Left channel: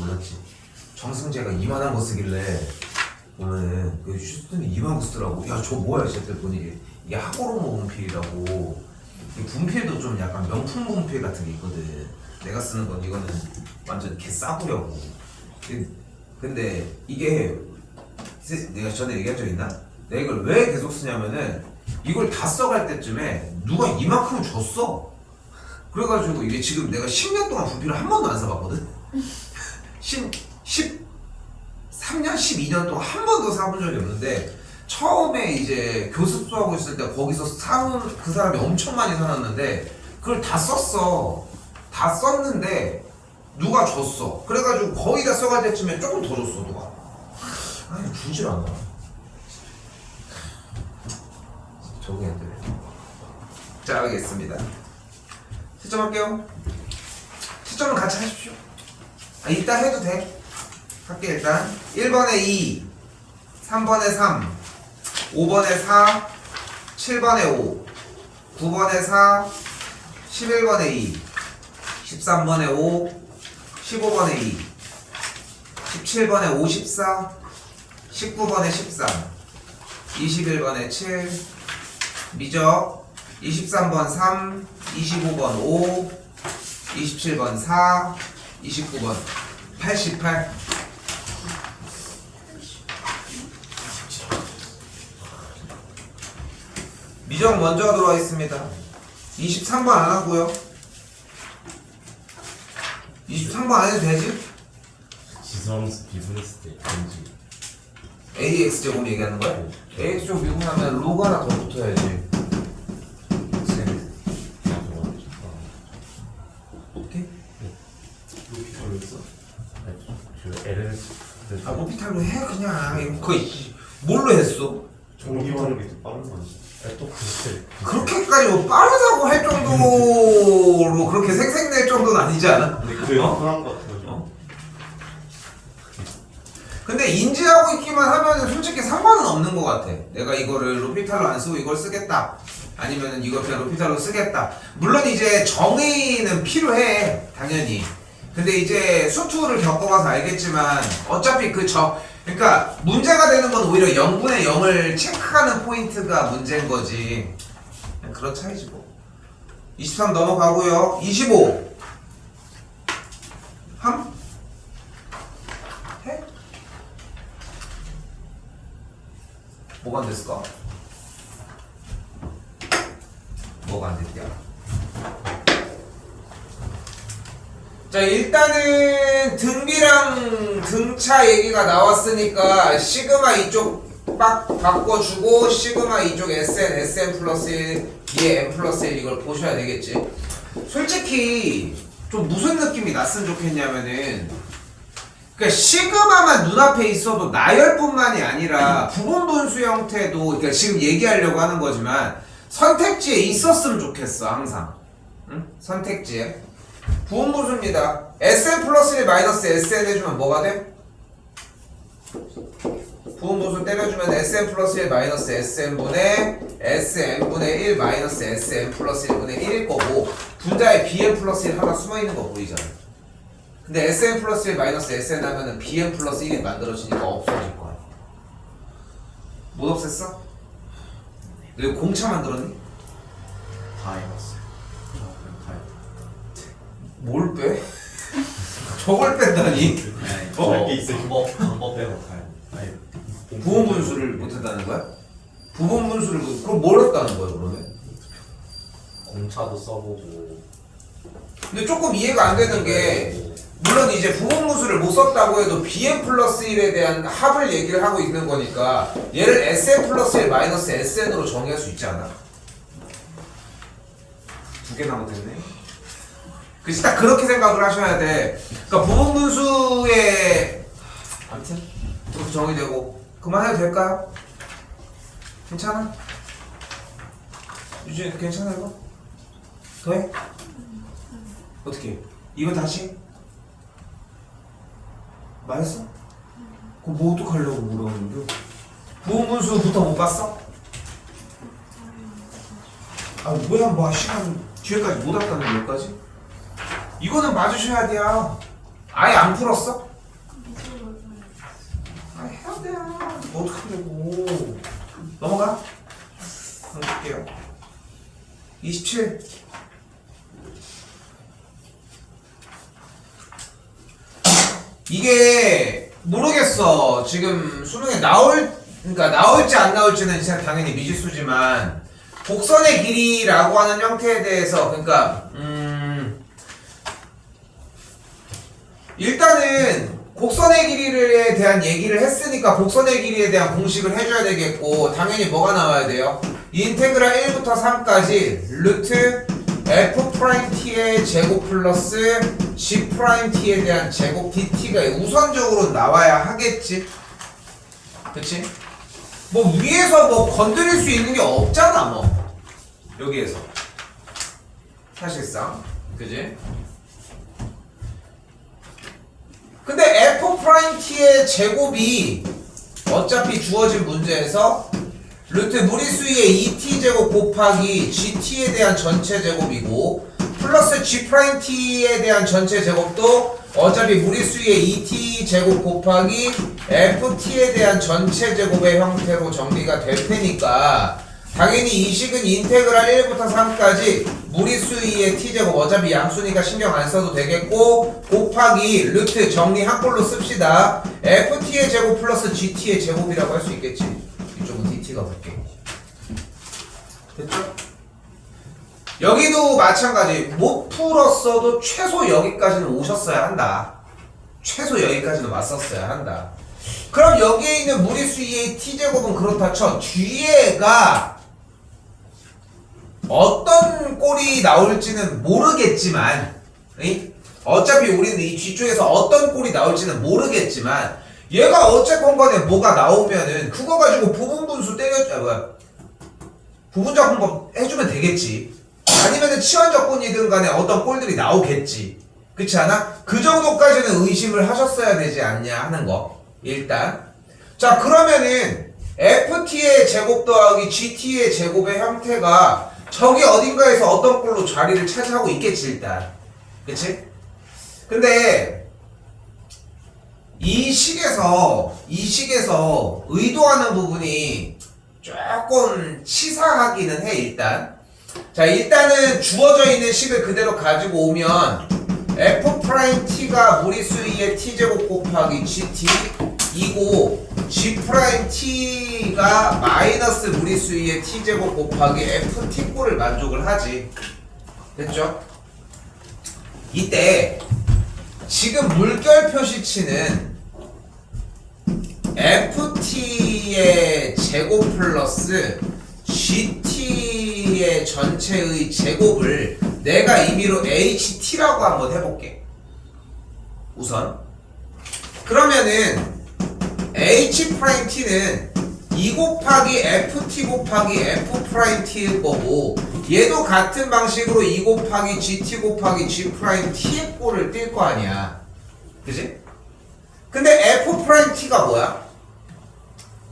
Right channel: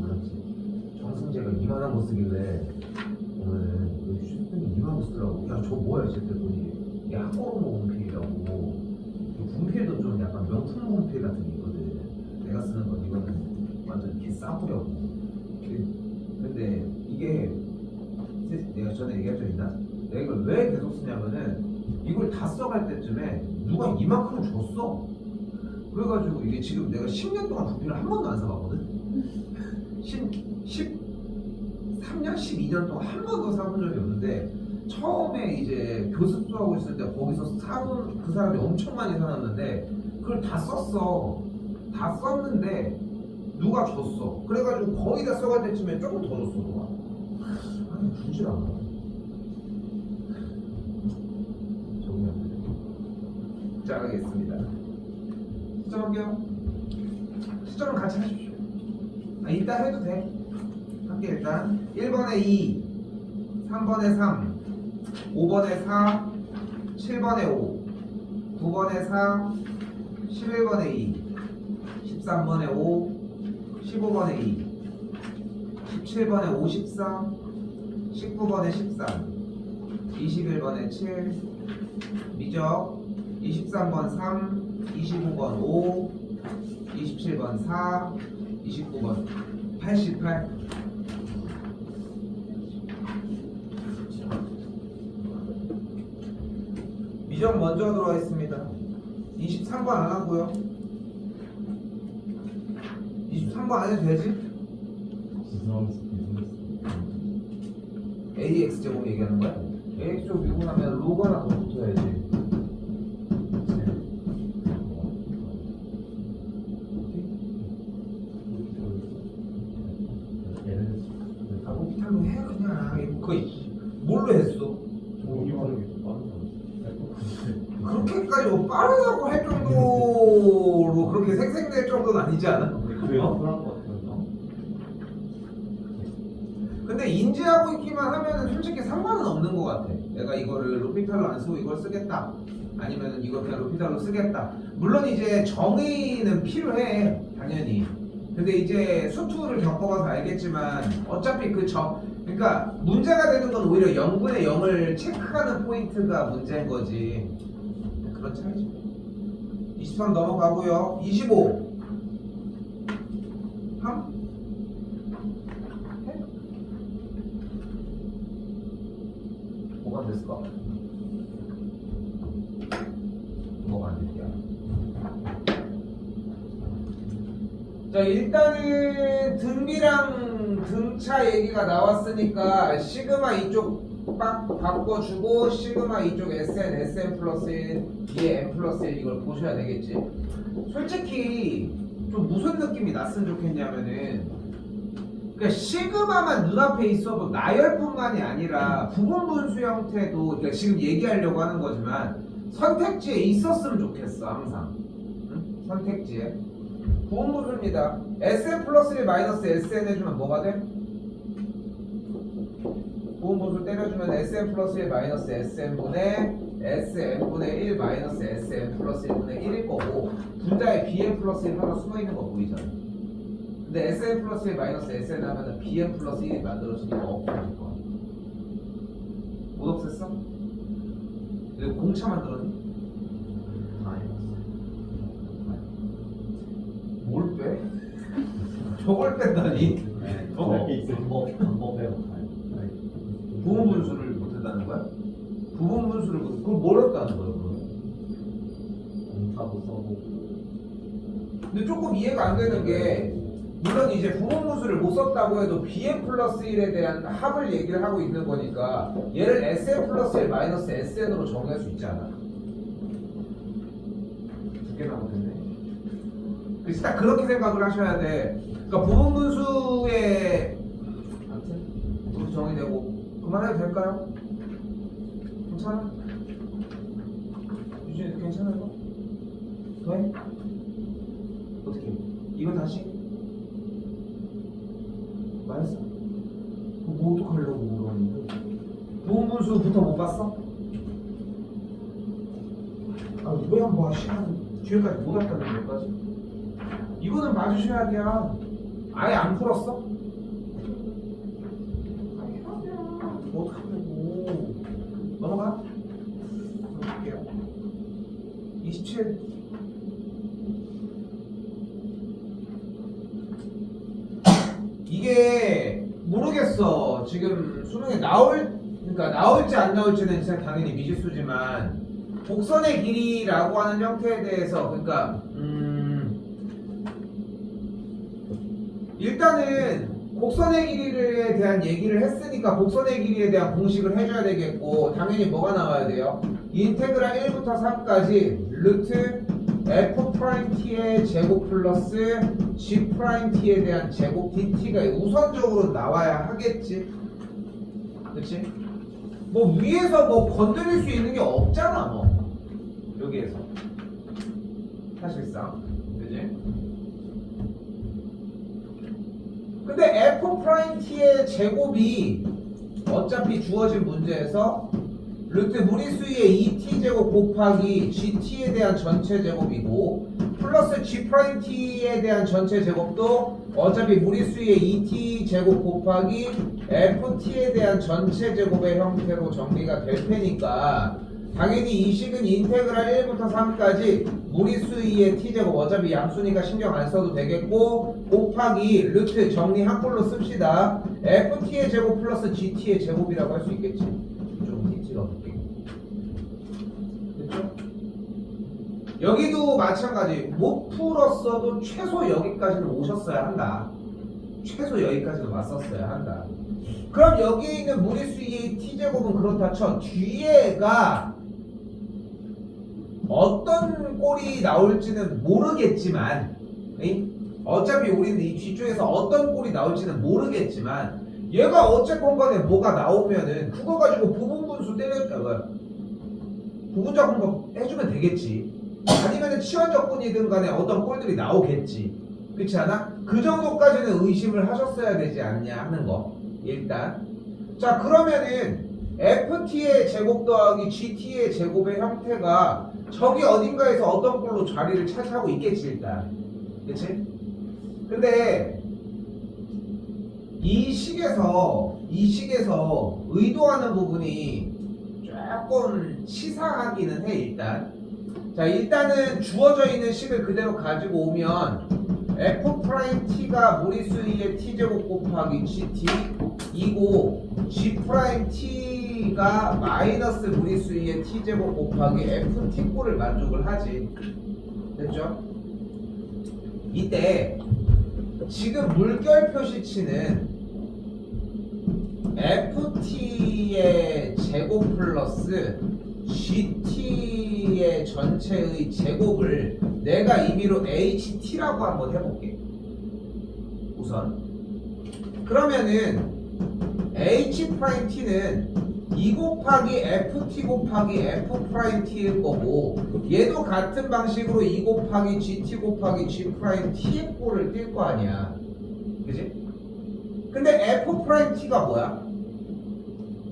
몰랐지. 정승재가 이만한 거 쓰길래 오늘 그 슈스턴이 이만한 거 쓰더라고. 야 저 뭐야 했더니 이게 하고로모 분필이라고. 이 분필도 좀 약간 명품 분필 같은 게 있거든. 내가 쓰는 건 이거는 완전 개 싸구려고. 근데 이게 내가 전에 얘기한 적 있나? 내가 이걸 왜 계속 쓰냐면은 이걸 다 써갈 때쯤에 누가 이만큼 줬어. 그래가지고 이게 지금 내가 10년 동안 분필을 한 번도 안 사봤거든. 13년, 12년 동안 한 번도 사본 적이 없는데 처음에 이제 교습소하고 있을 때 거기서 사온 그 사람이 엄청 많이 사놨는데 그걸 다 썼어. 다 썼는데 누가 줬어. 그래가지고 거의 다 써갈 때쯤에 조금 더 줬어 누가. 아니 주질 않아. 적응이 안 되네. 자 알겠습니다. 시점할게요. 시점은 같이 하십시오. 이따 해도 돼. 할게 일단. 1번에 2, 3번에 3, 5번에 4, 7번에 5, 9번에 4, 11번에 2, 13번에 5, 15번에 2, 17번에 54, 19번에 13, 21번에 7, 미적 23번 3, 25번 5, 27번 4, 29번 88. 미적 먼저 하도록 하겠습니다. 23번 안 하고요. 23번 안 해도 되지? 지수함수 비즈니스 데이터인지 AX 제곱 얘기하는 거야? AX 제곱 미분하면 로그 하나 더 붙어야지. 오케이? 로피탈로 했어? 저 LL 아 로피탈로 해 그냥. 이거 거의 뭘로 했어? 종이화력이 더 빠른 거 같아. 또 그때 그렇게까지 뭐 빠르다고 할 정도로 그렇게 생색낼 정도는 아니지 않아? 그게 편한 거 같아요. 근데 인지하고 있기만 하면은 솔직히 상관은 없는 것 같아. 내가 이거를 로피탈로 안 쓰고 이걸 쓰겠다. 아니면은 이거 그냥 로피탈로 쓰겠다. 물론 이제 정의는 필요해. 당연히. 근데 이제 수투를 겪어봐서 알겠지만 어차피 그러니까 문제가 되는 건 오히려 0분의 0을 체크하는 포인트가 문제인 거지. 그런 차이지 뭐. 23 넘어가고요. 25 함? 해? 뭐가 안 됐을까? 뭐가 안 됐냐? 자 일단은 등비랑 등차 얘기가 나왔으니까 시그마 이쪽 빡 바꿔주고 시그마 이쪽 SN 플러스 1 뒤에 M 플러스 1 이걸 보셔야 되겠지. 솔직히 좀 무슨 느낌이 났으면 좋겠냐면은 그러니까 시그마만 눈앞에 있어도 나열뿐만이 아니라 부분분수 형태도 그러니까 지금 얘기하려고 하는 거지만 선택지에 있었으면 좋겠어 항상. 응? 선택지에 부분분수입니다. SN 플러스 1 마이너스 SN 해주면 뭐가 돼? 부분분수 때려주면 SN 플러스 1 마이너스 SN분의 SN분의 1 마이너스 SN 플러스 1분의 1일 거고 분자에 BN 플러스 1 하나 숨어있는 거 보이잖아. 근데 SN 플러스 1 마이너스 SN 하면은 BN 플러스 1이 만들어지니까 없어질 거야. 못 없앴어? 너 이거 공차 만들었니? 다 해봤어요. 뭘 빼? 저걸 뺀다니? 게 있어요. 방법 빼고 부분분수를 못했다는 거야? 부분분수를 그럼 뭘 했다는 거야 그러면? 공차도 써보고. 근데 조금 이해가 안 되는 게 물론 이제 부분분수를 못 썼다고 해도 BN 플러스 1에 대한 합을 얘기를 하고 있는 거니까 얘를 SN 플러스 1 마이너스 SN으로 정의할 수 있지 않아? 두 개나 못했네. 그치 딱 그렇게 생각을 하셔야 돼. 그러니까 부분분수의 아무튼 이렇게 정의되고 그만해도 될까요? 괜찮아? 유진이 괜찮아 이거? 더해? 어떻게 해? 이거 다시? 말했어? 그럼 뭐 어떡하려고 물어보는데? 부분분수부터 못 봤어? 아 뭐야 뭐 시간 뒤에까지 못 왔다는 여기까지? 이거는 맞으셔야 돼요. 아예 안 풀었어? 어떡하려고. 넘어가. 볼게요. 27. 이게 모르겠어. 지금 수능에 그러니까 나올지 안 나올지는 진짜 당연히 미지수지만 곡선의 길이라고 하는 형태에 대해서 그러니까 일단은 곡선의 길이에 대한 얘기를 했으니까 곡선의 길이에 대한 공식을 해줘야 되겠고 당연히 뭐가 나와야 돼요? 인테그랄 1부터 3까지 루트 F'T의 제곱 플러스 G'T에 대한 제곱 dt가 우선적으로 나와야 하겠지. 그치? 뭐 위에서 뭐 건드릴 수 있는 게 없잖아 뭐 여기에서 사실상 그치? 근데 F'T의 제곱이 어차피 주어진 문제에서 루트 무리수의 2t제곱 곱하기 gt에 대한 전체 제곱이고 플러스 g't에 대한 전체 제곱도 어차피 무리수의 2t제곱 곱하기 ft에 대한 전체 제곱의 형태로 정리가 될 테니까 당연히 이 식은 인테그랄 1부터 3까지 무리수 2의 t제곱 어차피 양수니까 신경 안 써도 되겠고 곱하기 루트 정리 한 꼴로 씁시다. ft의 제곱 플러스 gt의 제곱이라고 할 수 있겠지. 이쪽은 dt가 볼게. 됐죠? 여기도 마찬가지. 못 풀었어도 최소 여기까지는 오셨어야 한다. 최소 여기까지는 왔었어야 한다. 그럼 여기에 있는 무리수 2의 t제곱은 그렇다 쳐. 뒤에가 어떤 꼴이 나올지는 모르겠지만 어차피 우리는 이 뒤쪽에서 어떤 꼴이 나올지는 모르겠지만 얘가 어쨌건 간에 뭐가 나오면은 그거 가지고 부분분수 부분적분법 해주면 되겠지. 아니면은 치환적분이든 간에 어떤 꼴들이 나오겠지. 그렇지 않아? 그 정도까지는 의심을 하셨어야 되지 않냐 하는 거 일단. 자 그러면은 ft의 제곱 더하기 gt의 제곱의 형태가 저기 어딘가에서 어떤 꼴로 자리를 차지하고 있겠지 일단. 그치? 근데 이 식에서 의도하는 부분이 조금 치사하기는 해 일단. 자 일단은 주어져 있는 식을 그대로 가지고 오면 F'T가 무리수 2의 t제곱 곱하기 gt 이고 G'T가 마이너스 무리수 2의 t제곱 곱하기 FT꼴을 만족을 하지. 됐죠? 이때 지금 물결 표시치는 FT의 제곱 플러스 GT의 전체의 제곱을 내가 임의로 HT라고 한번 해볼게. 우선 그러면은 H'T는 2 곱하기 FT 곱하기 F'T일 거고 얘도 같은 방식으로 2 곱하기 GT 곱하기 G'T의 꼴을 띌 거 아니야. 그지? 근데 F'T가 뭐야?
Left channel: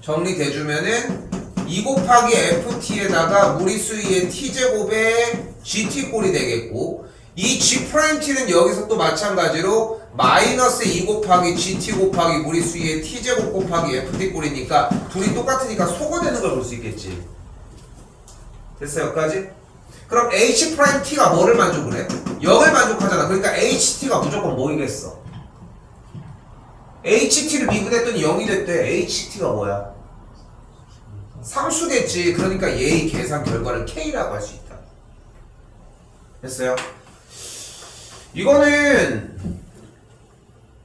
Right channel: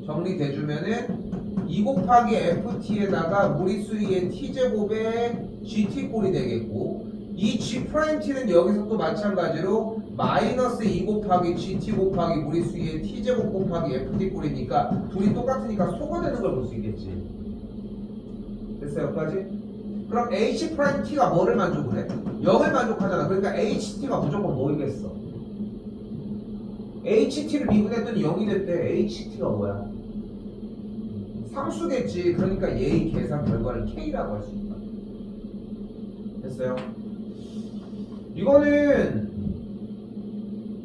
정리돼주면은 2 곱하기 FT에다가 무리수 2의 t제곱의 GT꼴이 되겠고 이 G'T는 여기서 또 마찬가지로 마이너스 2 곱하기 GT 곱하기 무리수 2의 t제곱 곱하기 FT꼴이니까 둘이 똑같으니까 소거되는 걸 볼 수 있겠지. 됐어 여기까지? 그럼 H'T가 뭐를 만족을 해? 0을 만족하잖아. 그러니까 HT가 무조건 뭐이겠어? HT를 미분했더니 0이 됐대. HT가 뭐야? 상수겠지. 그러니까 얘의 계산 결과를 K라고 할 수 있다. 됐어요? 이거는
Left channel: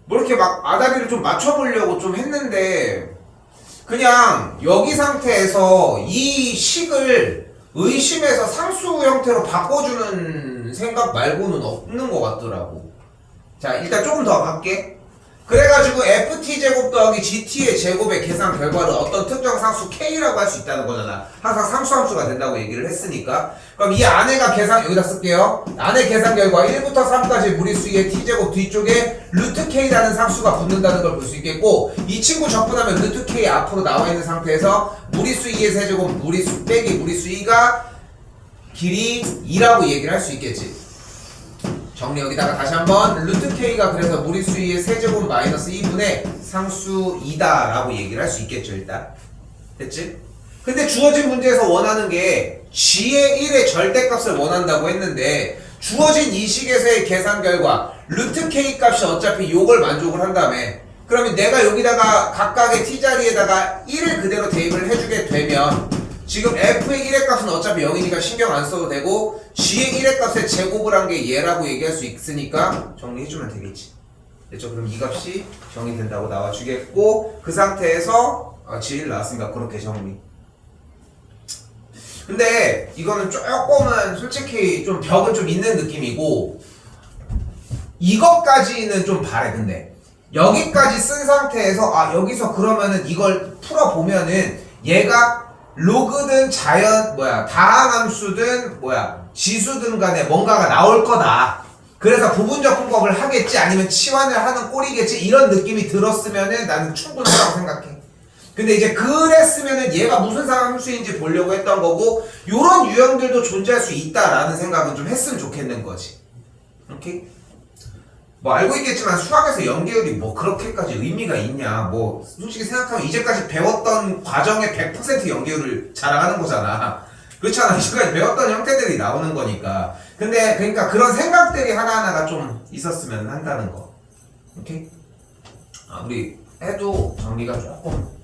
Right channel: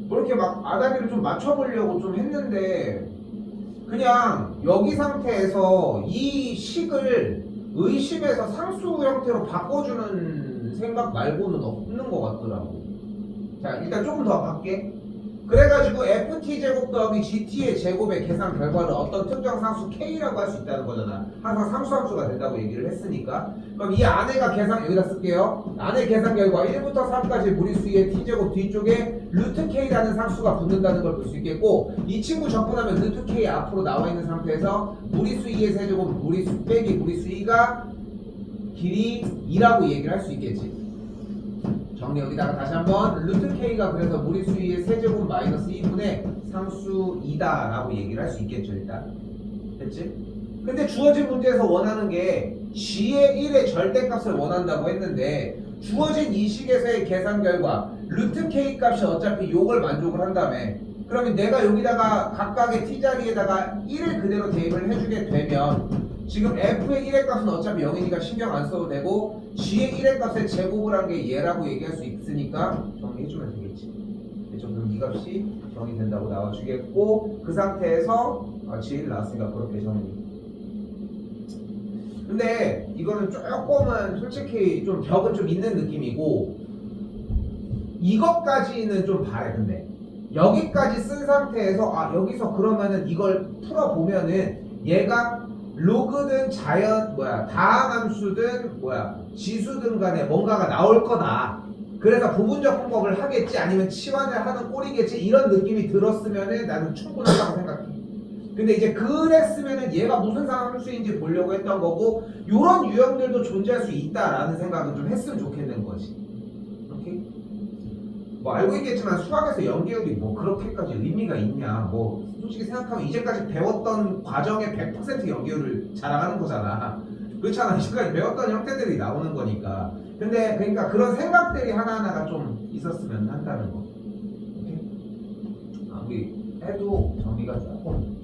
뭐 이렇게 막 아다리를 좀 맞춰보려고 좀 했는데 그냥 여기 상태에서 이 식을 의심해서 상수 형태로 바꿔주는 생각 말고는 없는 것 같더라고. 자 일단 조금 더 갈게. 그래가지고 FT제곱 더하기 GT의 제곱의 계산 결과를 어떤 특정 상수 K라고 할 수 있다는 거잖아. 항상 상수 함수가 된다고 얘기를 했으니까. 그럼 이 안에가 계산, 여기다 쓸게요. 안에 계산 결과 1부터 3까지 무리수 2의 T제곱 뒤쪽에 루트 K라는 상수가 붙는다는 걸 볼 수 있겠고 이 친구 적분하면 루트 K 앞으로 나와 있는 상태에서 무리수 2의 세제곱 무리수 빼기 무리수 2가 길이 2라고 얘기를 할 수 있겠지. 정리 여기다가 다시 한번 루트 K가 그래서 무리수 2의 세제곱 마이너스 2분의 상수 2다 라고 얘기를 할 수 있겠죠 일단. 됐지? 근데 주어진 문제에서 원하는 게 G의 1의 절대값을 원한다고 했는데 주어진 이 식에서의 계산 결과 루트 K 값이 어차피 요걸 만족을 한다며. 그러면 내가 여기다가 각각의 T자리에다가 1을 그대로 대입을 해주게 되면 지금 F의 1의 값은 어차피 0이니까 신경 안 써도 되고 G의 1의 값의 제곱을 한 게 얘라고 얘기할 수 있으니까 정리해주면 되겠지. 됐죠? 그럼 이 값이 정리된다고 나와주겠고 그 상태에서 G1 나왔으니까 그렇게 정리. 근데 이거는 조금은 솔직히 좀 벽은 좀 있는 느낌이고 이것까지는 좀 바래. 근데 여기까지 쓴 상태에서 여기서 그러면은 이걸 풀어보면은 얘가 로그든 다항함수든 지수든 간에 뭔가가 나올 거다. 그래서 부분적 분법을 하겠지 아니면 치환을 하는 꼴이겠지 이런 느낌이 들었으면은 나는 충분하다고 생각해. 근데 이제 그랬으면은 얘가 무슨 상함수인지 보려고 했던 거고 요런 유형들도 존재할 수 있다라는 생각은 좀 했으면 좋겠는 거지. 오케이? 뭐 알고 있겠지만 수학에서 연계율이 뭐 그렇게까지 의미가 있냐. 뭐 솔직히 생각하면 이제까지 배웠던 과정의 100% 연계율을 자랑하는 거잖아. 그렇잖아. 이제까지 배웠던 형태들이 나오는 거니까. 근데 그러니까 그런 생각들이 하나하나가 좀 있었으면 한다는 거. 오케이? 우리 해도 정리가 조금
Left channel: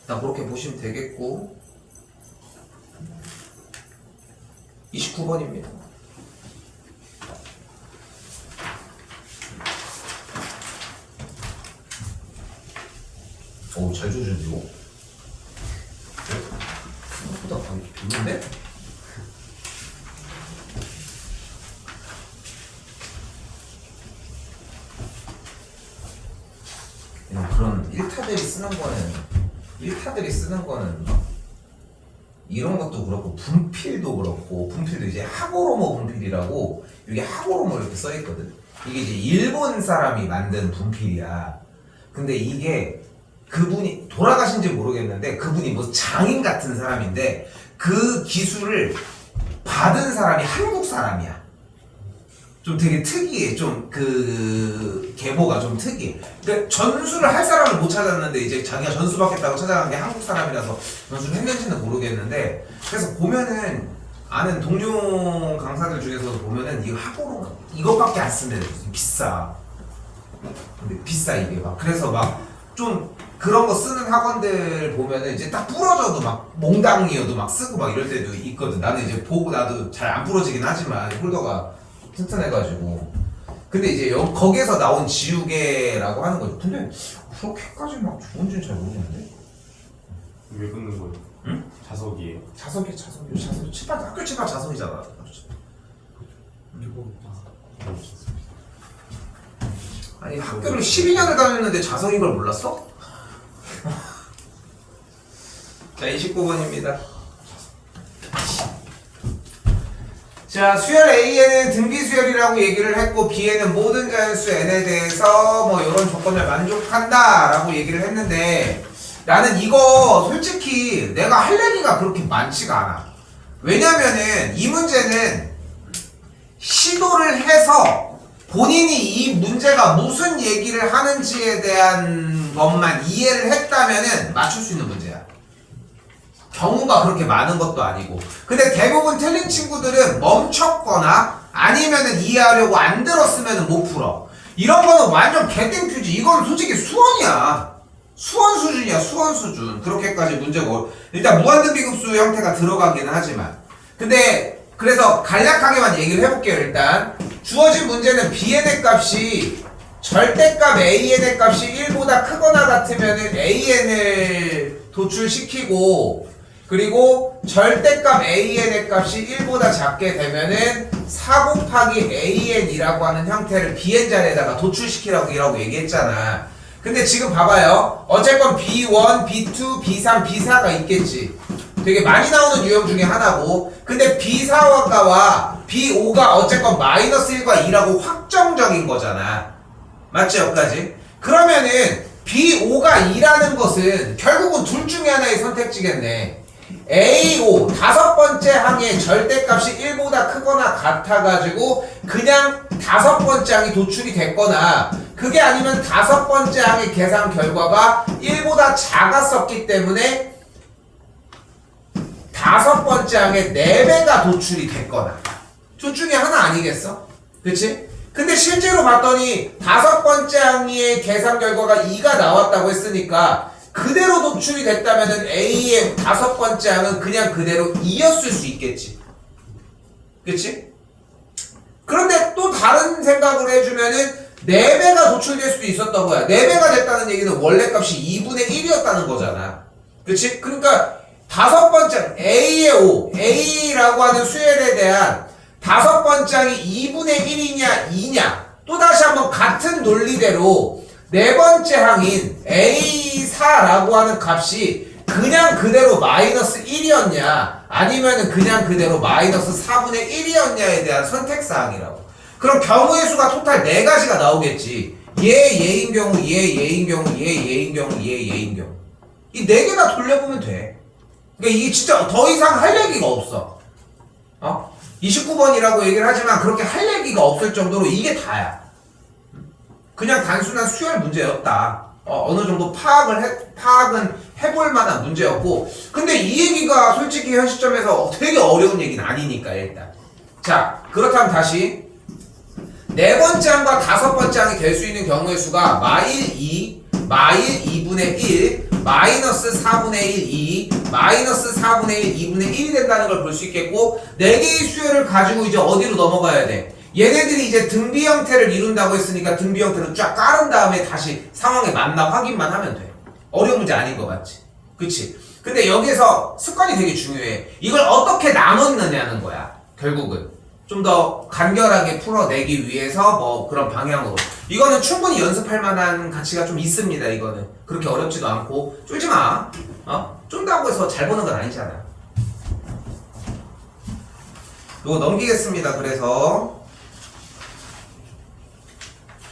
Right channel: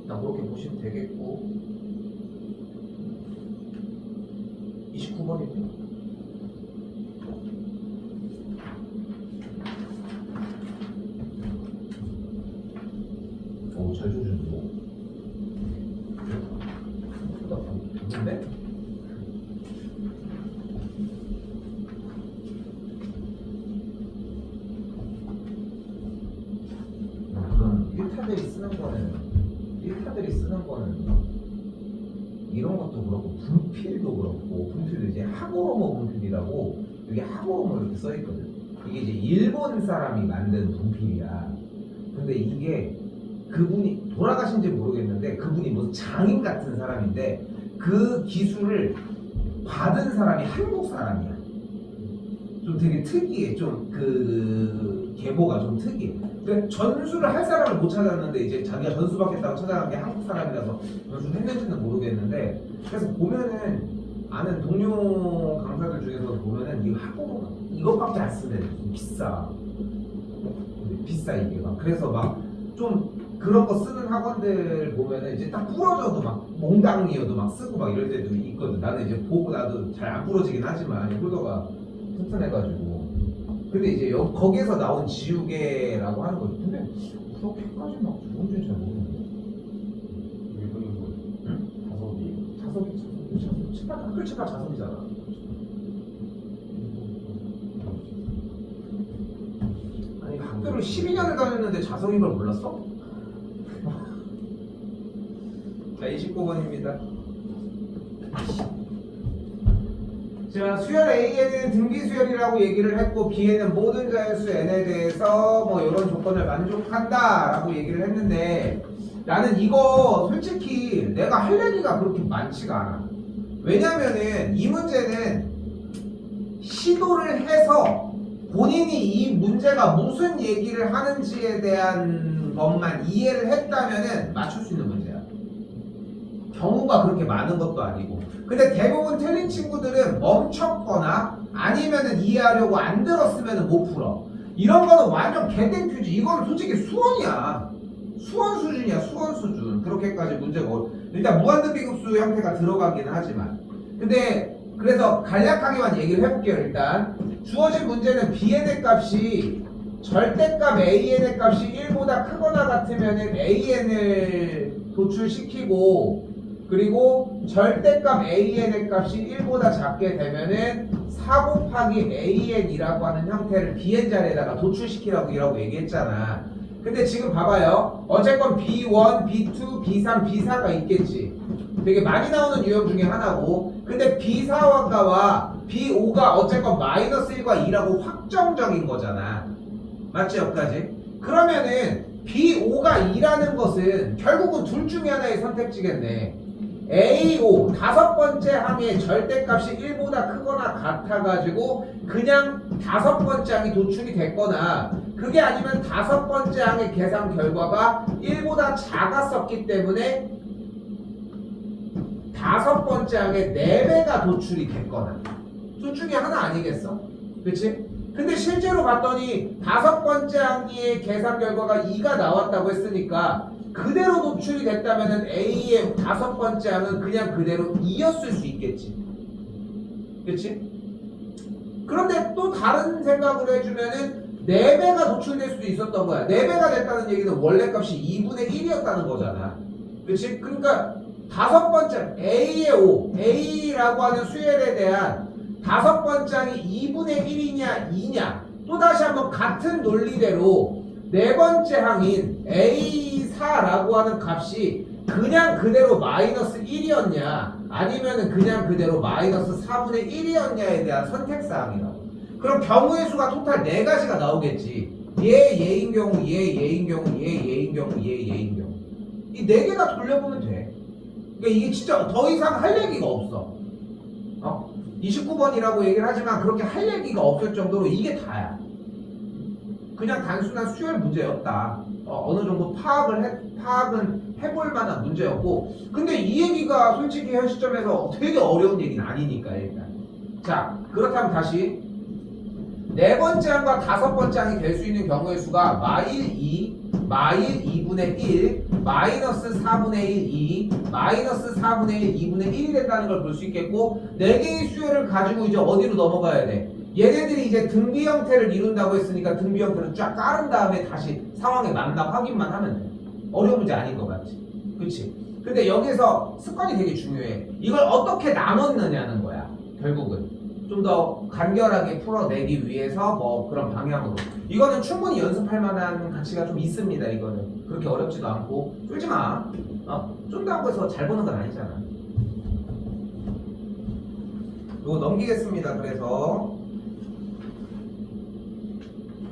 일단 그렇게 보시면 되겠고 29번입니다. 오, 잘 조준이고. 생각보다 많이 좋은데? 그런 일타들이 쓰는 거는 이런 것도 그렇고 분필도 그렇고 분필도 이제 하고로모 분필이라고 여기 하고로모 이렇게 써 있거든. 이게 이제 일본 사람이 만든 분필이야. 근데 이게 그분이 돌아가신지 모르겠는데 그분이 뭐 장인 같은 사람인데 그 기술을 받은 사람이 한국 사람이야. 좀 되게 특이해. 좀 그 계보가 좀 특이해. 그러니까 전수를 할 사람을 못 찾았는데 이제 자기가 전수받겠다고 찾아간 게 한국 사람이라서 전수를 했는지는 모르겠는데 그래서 보면은 아는 동료 강사들 중에서도 보면은 이거 학고로 이것밖에 안 쓰면 비싸. 근데 비싸 이게 막. 그래서 막 좀 그런 거 쓰는 학원들 보면은 이제 딱 부러져도 막 몽당이어도 막 쓰고 막 이럴 때도 있거든. 나는 이제 보고 나도 잘 안 부러지긴 하지만 홀더가 튼튼해가지고. 근데 이제 거기에서 나온 지우개라고 하는 거죠. 근데 그렇게까지 막 좋은지는 잘 모르겠는데. 왜 긋는 거예요? 응? 자석이에요. 자석이 칠판 학교 칠판 자석이잖아. 아니 학교를 12년을 다녔는데 자석인 걸 몰랐어? 자 29번입니다. 자 수열 A에는 등비수열이라고 얘기를 했고 B에는 모든 자연수 N에 대해서 뭐 이런 조건을 만족한다 라고 얘기를 했는데 나는 이거 솔직히 내가 할 얘기가 그렇게 많지가 않아. 왜냐면은 이 문제는 시도를 해서 본인이 이 문제가 무슨 얘기를 하는지에 대한 것만 이해를 했다면은 맞출 수 있는 문제야. 경우가 그렇게 많은 것도 아니고. 근데 대부분 틀린 친구들은 멈췄거나 아니면은 이해하려고 안 들었으면은 못 풀어. 이런 거는 완전 개땡큐지. 이건 솔직히 수원이야. 수원 수준이야. 수원 수준. 그렇게까지 문제가 일단 무한등비급수 형태가 들어가긴 하지만. 근데 그래서 간략하게만 얘기를 해볼게요. 일단 주어진 문제는 Bn의 값이 절대값 An의 값이 1보다 크거나 같으면은 An을 도출시키고 그리고 절대값 An의 값이 1보다 작게 되면은 4 곱하기 An이라고 하는 형태를 Bn 자리에다가 도출시키라고 얘기했잖아. 근데 지금 봐봐요. 어쨌건 B1, B2, B3, B4가 있겠지. 되게 많이 나오는 유형 중에 하나고. 근데 B4와 B5가 어쨌건 마이너스 1과 2라고 확정적인 거잖아. 맞지 여기까지? 그러면은 B5가 2라는 것은 결국은 둘 중에 하나의 선택지겠네. AO 다섯 번째 항의 절대값이 1보다 크거나 같아가지고 그냥 다섯 번째 항이 도출이 됐거나 그게 아니면 다섯 번째 항의 계산 결과가 1보다 작았었기 때문에 다섯 번째 항의 4배가 도출이 됐거나 둘 중에 하나 아니겠어? 그치? 근데 실제로 봤더니 다섯 번째 항의 계산 결과가 2가 나왔다고 했으니까 그대로 도출이 됐다면은 A의 다섯 번째 항은 그냥 그대로 2였을 수 있겠지. 그치? 그런데 또 다른 생각을 해주면은 4배가 도출될 수도 있었던 거야. 4배가 됐다는 얘기는 원래 값이 2분의 1이었다는 거잖아. 그치? 그러니까 다섯 번째 A의 5, A라고 하는 수열에 대한 다섯 번째 항이 2분의 1이냐 2냐 또다시 한번 같은 논리대로 네 번째 항인 A4라고 하는 값이 그냥 그대로 마이너스 1이었냐 아니면은 그냥 그대로 마이너스 4분의 1이었냐에 대한 선택사항이라고. 그럼 경우의 수가 토탈 4가지가 나오겠지. 얘인 경우, 얘인 경우, 얘인 경우, 얘인 경우. 이 4개나 돌려보면 돼. 그러니까 이게 진짜 더 이상 할 얘기가 없어. 29번이라고 얘기를 하지만 그렇게 할 얘기가 없을 정도로 이게 다야. 그냥 단순한 수열 문제였다. 어느 정도 파악은 해볼 만한 문제였고, 근데 이 얘기가 솔직히 현 시점에서 되게 어려운 얘기는 아니니까 일단. 자, 그렇다면 다시 네 번째 항과 다섯 번째 항이 될 수 있는 경우의 수가 마일 2, 마일 2분의 1, 마이너스 4분의 1, 2, 마이너스 4분의 1, 2분의 1이 된다는 걸 볼 수 있겠고, 4개의 수열을 가지고 이제 어디로 넘어가야 돼? 얘네들이 이제 등비 형태를 이룬다고 했으니까 등비 형태를 쫙 깔은 다음에 다시 상황에 맞나 확인만 하면 돼. 어려운 문제 아닌 거 맞지? 그치? 근데 여기서 습관이 되게 중요해. 이걸 어떻게 나눴느냐는 거야. 결국은 좀 더 간결하게 풀어내기 위해서 뭐 그런 방향으로. 이거는 충분히 연습할 만한 가치가 좀 있습니다. 이거는 그렇게 어렵지도 않고. 쫄지 마. 쫀다고 해서 잘 보는 건 아니잖아. 이거 넘기겠습니다. 그래서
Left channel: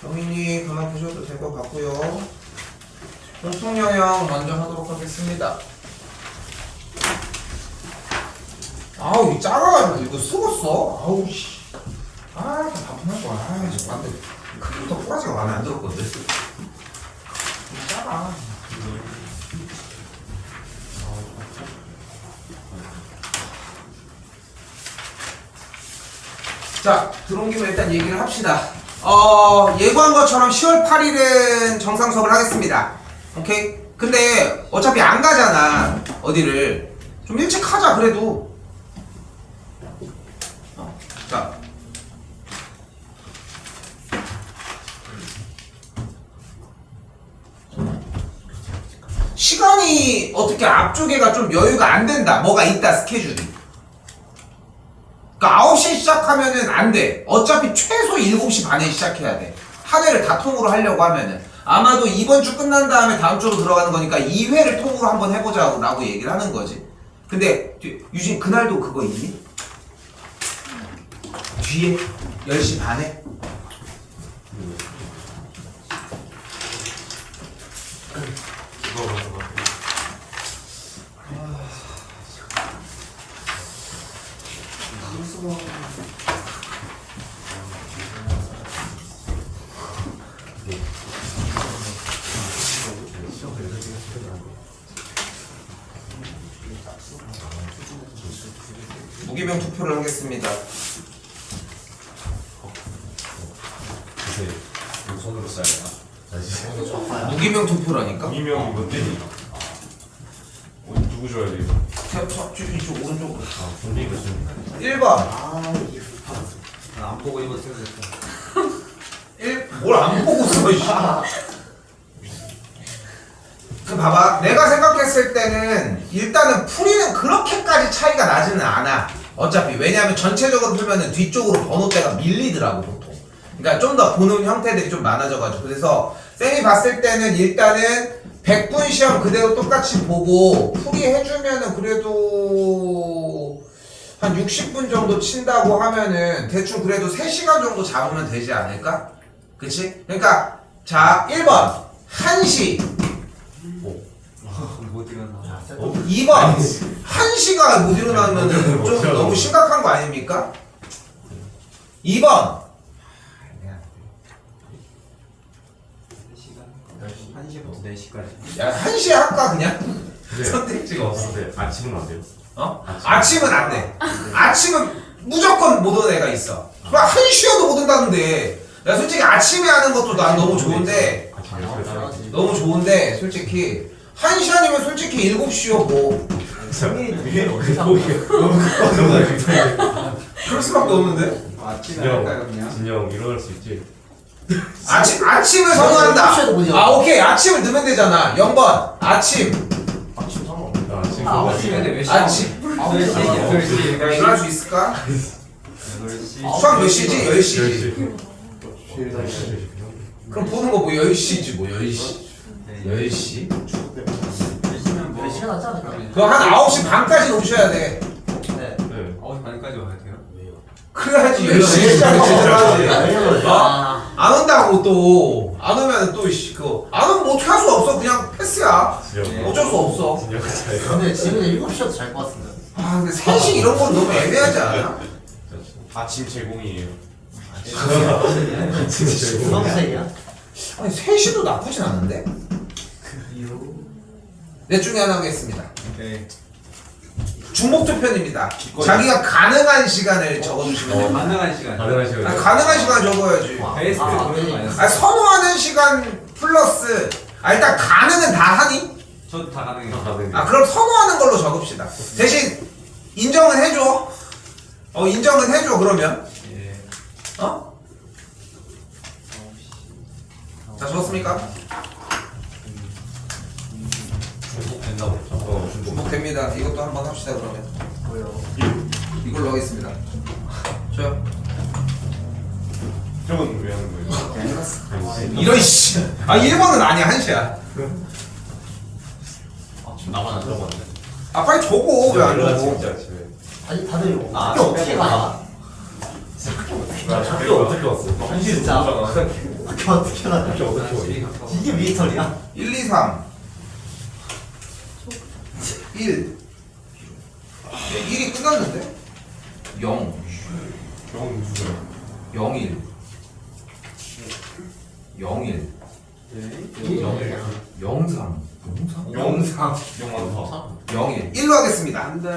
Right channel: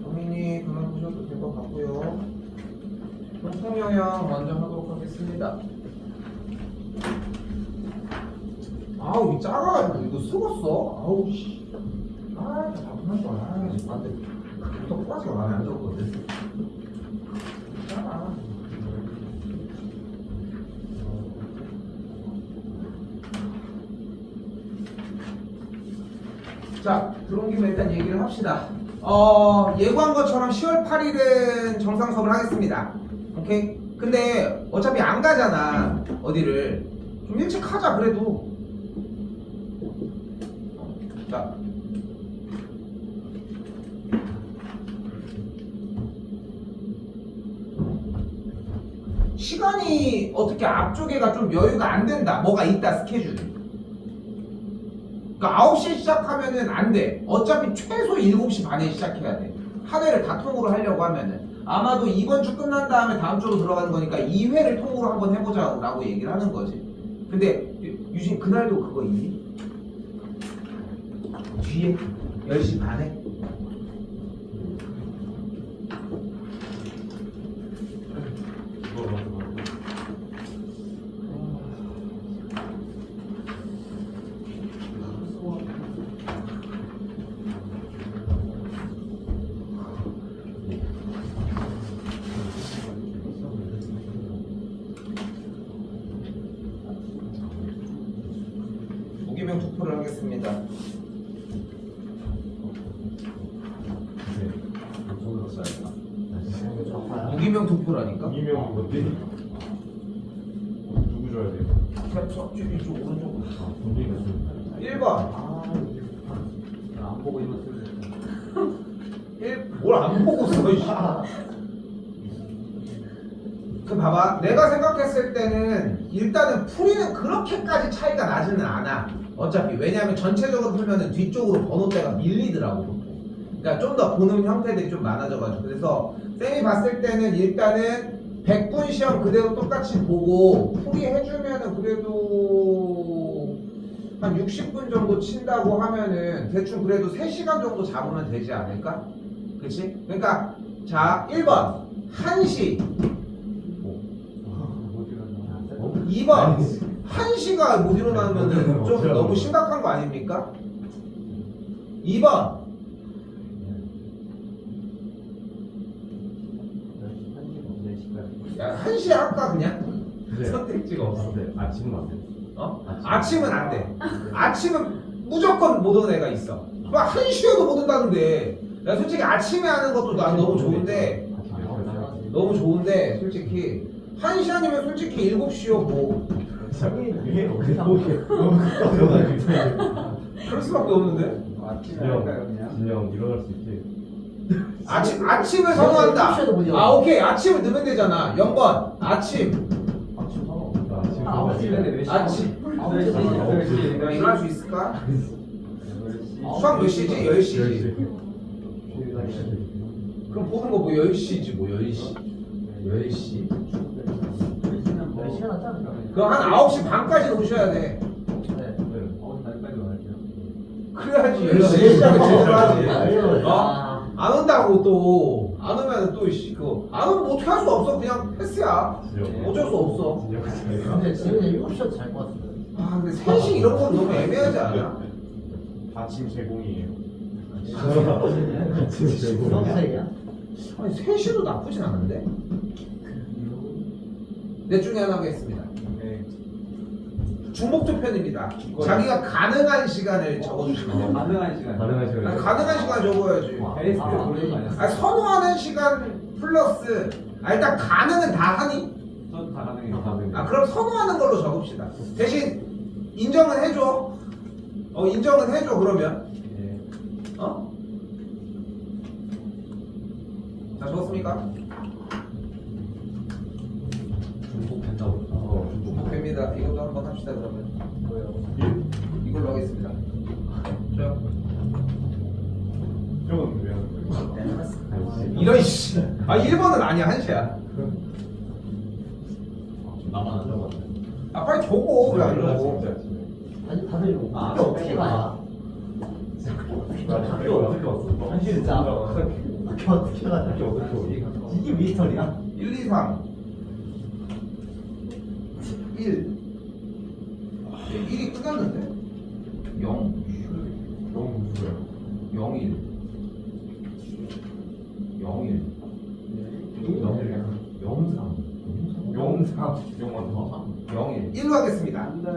영민이 그만 보셔도 될 것 같고요. 공통영역 먼저 하도록 하겠습니다. 아우 이 작아가지고 이거 썩었어. 아우 씨. 아 반품할 거야. 아 지금 안돼. 크기부터 꼬라지가 마음에 안 들었거든. 작아. 자 들어온 김에 일단 얘기를 합시다. 예고한 것처럼 10월 8일은 정상 수업을 하겠습니다. 오케이? 근데 어차피 안 가잖아. 어디를 좀 일찍 하자 그래도. 자 시간이 어떻게 앞쪽에가 좀 여유가 안 된다. 뭐가 있다 스케줄이. 그러니까 9시에 시작하면은 안 돼. 어차피 최소 7시 반에 시작해야 돼. 한 회를 다 통으로 하려고 하면은. 아마도 이번 주 끝난 다음에 다음 주로 들어가는 거니까 2회를 통으로 한번 해보자고 라고 얘기를 하는 거지. 근데 유진 그날도 그거 있니? 뒤에 10시 반에? 무기명 투표를 하겠습니다. 손으로 써야겠다. 무기명 투표라니까? 이명이 뭔데? 누구 줘야 돼 이거? 이쪽 오른쪽 분리가 좀 1번 안 보고 이거 생각했어. 뭘 안 보고 써 이씨. 그 봐봐 내가 생각했을 때는 일단은 풀이는 그렇게까지 차이가 나지는 않아. 어차피 왜냐하면 전체적으로 풀면은 뒤쪽으로 번호대가 밀리더라고 보통. 그러니까 좀 더 보는 형태들이 좀 많아져가지고. 그래서 쌤이 봤을 때는 일단은 100분 시험 그대로 똑같이 보고 풀이해주면은 그래도 한 60분 정도 친다고 하면은 대충 그래도 3시간 정도 잡으면 되지 않을까? 그치? 그러니까 자 1번 1시 2번 1시가 못 일어나면 좀 너무 심각한 거 아닙니까? 2번 1시부터 4시까지. 야 1시에 할까 그냥? 네. 선택지가 없어. 네, 아침은 안 돼요. 어? 아침은 안 돼. 아침은 무조건 못 오는 애가 있어. 막 1시여도 못 온다는데. 야 솔직히 아침에 하는 것도 난 너무 좋은데 아침에 일어나서 너무 좋은데 솔직히 1시 아니면 솔직히 7시요 뭐 그럴 수밖에 없는데. 아침에 할까요 그냥? 진영 일어날 수 있지. 아침을 선호한다. 아 오케이 아침을 넣으면 되잖아. 0번 아침. 아침 상어. 아침 아, 그거 아침. 8시, 야 일어날 수 있을까? 8시. 수학 몇 시지? 10시지. 10시. 그럼 보는 거 뭐 10시지 뭐 10시. 네. 10시? 몇 시간 하지 않을까? 그거 한 9시 반까지 오셔야 돼. 네. 네. 9시 반까지 와야 돼요? 그래야지 10시에 시작을 제대로 하지. 아, 안 온다고 또 안 오면 또 그거 안 오면 뭐 어떻게 할 수가 없어. 그냥 패스야. 진영. 어쩔 수 없어. 진영 차이가. 근데 지금 7시여도 잘 것 같은데. 아 근데 3시 이런 건 너무 애매하지 않아? 아침 제공이에요. 아침 제공. 주황색이야? 아니 3시도 나쁘진 않은데? 넷 중에 하나 하겠습니다. 네. 중복투편입니다. 자기가 가능한 시간을 적어주시면 됩니다. 가능한 시간. 가능한 시간. 아니, 가능한 시간 적어야지. 베스트 아, 그런 네. 거 아니었어요? 아니, 선호하는 시간 플러스 일단 가능은 다 하니? 저도 다 가능해요. 아 그럼 선호하는 걸로 적읍시다. 대신 인정은 해줘. 인정은 해줘 그러면. 예. 어? 자 적었습니까? 중복 된다고. 중복됩니다. 이것도 한번 합시다 그러면. 뭐요? 이걸로 하겠습니다. 저요. 저건 왜 하는 거예요? 이런 씨. 아 1번은 아니야 1시야. 나만 안 들어봤네. 아 빨리 적어 왜 안 적어? 진짜 아침에. 아니 다들 이거 아, 학교 어떻게 가? 나 학교 어떻게 왔어? 진짜 학교 어떻게 가? 학교 어떻게 오니? 이게 미터리야? 1, 2, 3 1 1이 끝났는데? 0 너무 무서워. 0 1 0 1 0 3 영상. 0 1 1로 하겠습니다. 안돼.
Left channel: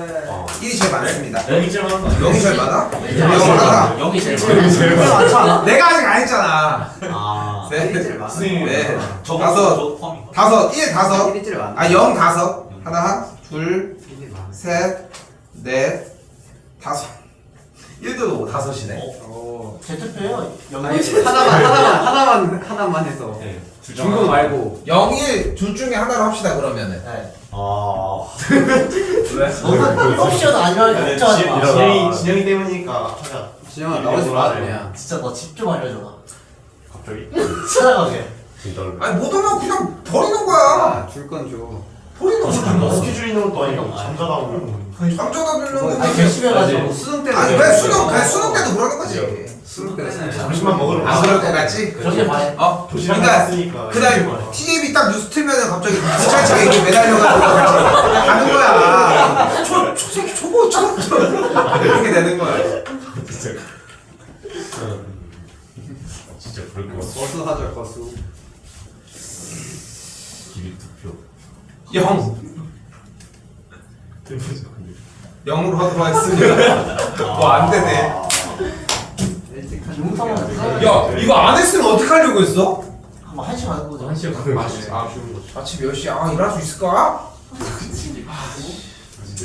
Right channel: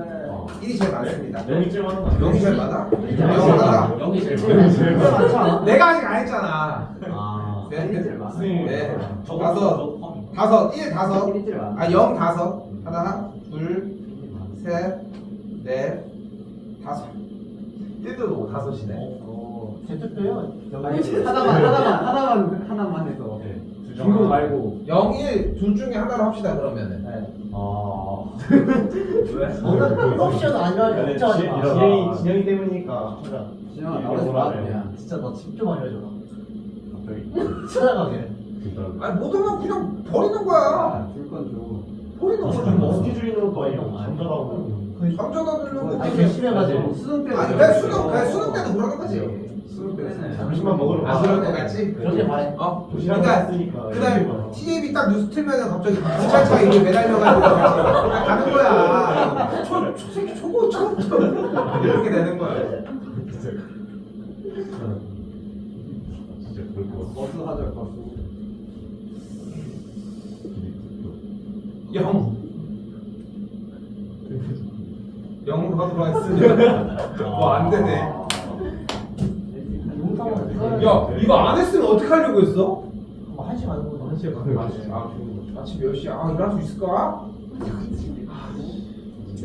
1이 제일 많습니다. 영이 제일 많아. 0이 제일 많아? 네. 0 하나. 영이 제일 제일 많지 않아? 내가 아직 안 했잖아. 아, 네. 제일 많아. 네. 저 다섯. 포함. 다섯. 1 다섯. 1이 제일 많아. 아, 0 다섯. 하나, 둘, 셋, 넷, 다섯. 1도 다섯이네. 오. 제 투표요. 하나만 해서. 네. 중복 말고. 0, 1 둘 중에 하나로 합시다 그러면은. 네. 아. 너는 7시여도 아니라니까 걱정하지 마. 진영이 때문이니까 하자. 진영아 나오지 마 그냥. 진짜 너 집 좀 알려줘. 갑자기. 찾아가게. 진짜. 아니 못 오면 그냥 버리는 거야. 줄 건 줘. 버리는 거지. 스케줄 있는 것도 아니고 잠자다고. 잠자다 듣는 아니 거지. 열심히 해가지고. 수능 때는. 아니 왜 수능 때도 그러는 거지. 수능 때는. 점심만 먹으러 아 그럴 것 같지? 그렇게 봐야 도시락 그러니까 나왔으니까. 그다음 TVB 딱 뉴스 틀면은 갑자기 경찰차에 이렇게 매달려가지고 같이 가는 거야. 새끼 저거 이렇게 되는 거야. 진짜. 진짜 그럴 것 같아. 버스 하자 버스. 기비 투표. 0 0으로 하도록 하겠습니다. 와안 되네. 일찍 야 이거 안 했으면 어떻게 하려고 했어? 한번 1시간 해보자. 한 시간 가는 거지. 아침 몇 시야? 아 일할 수 있을까?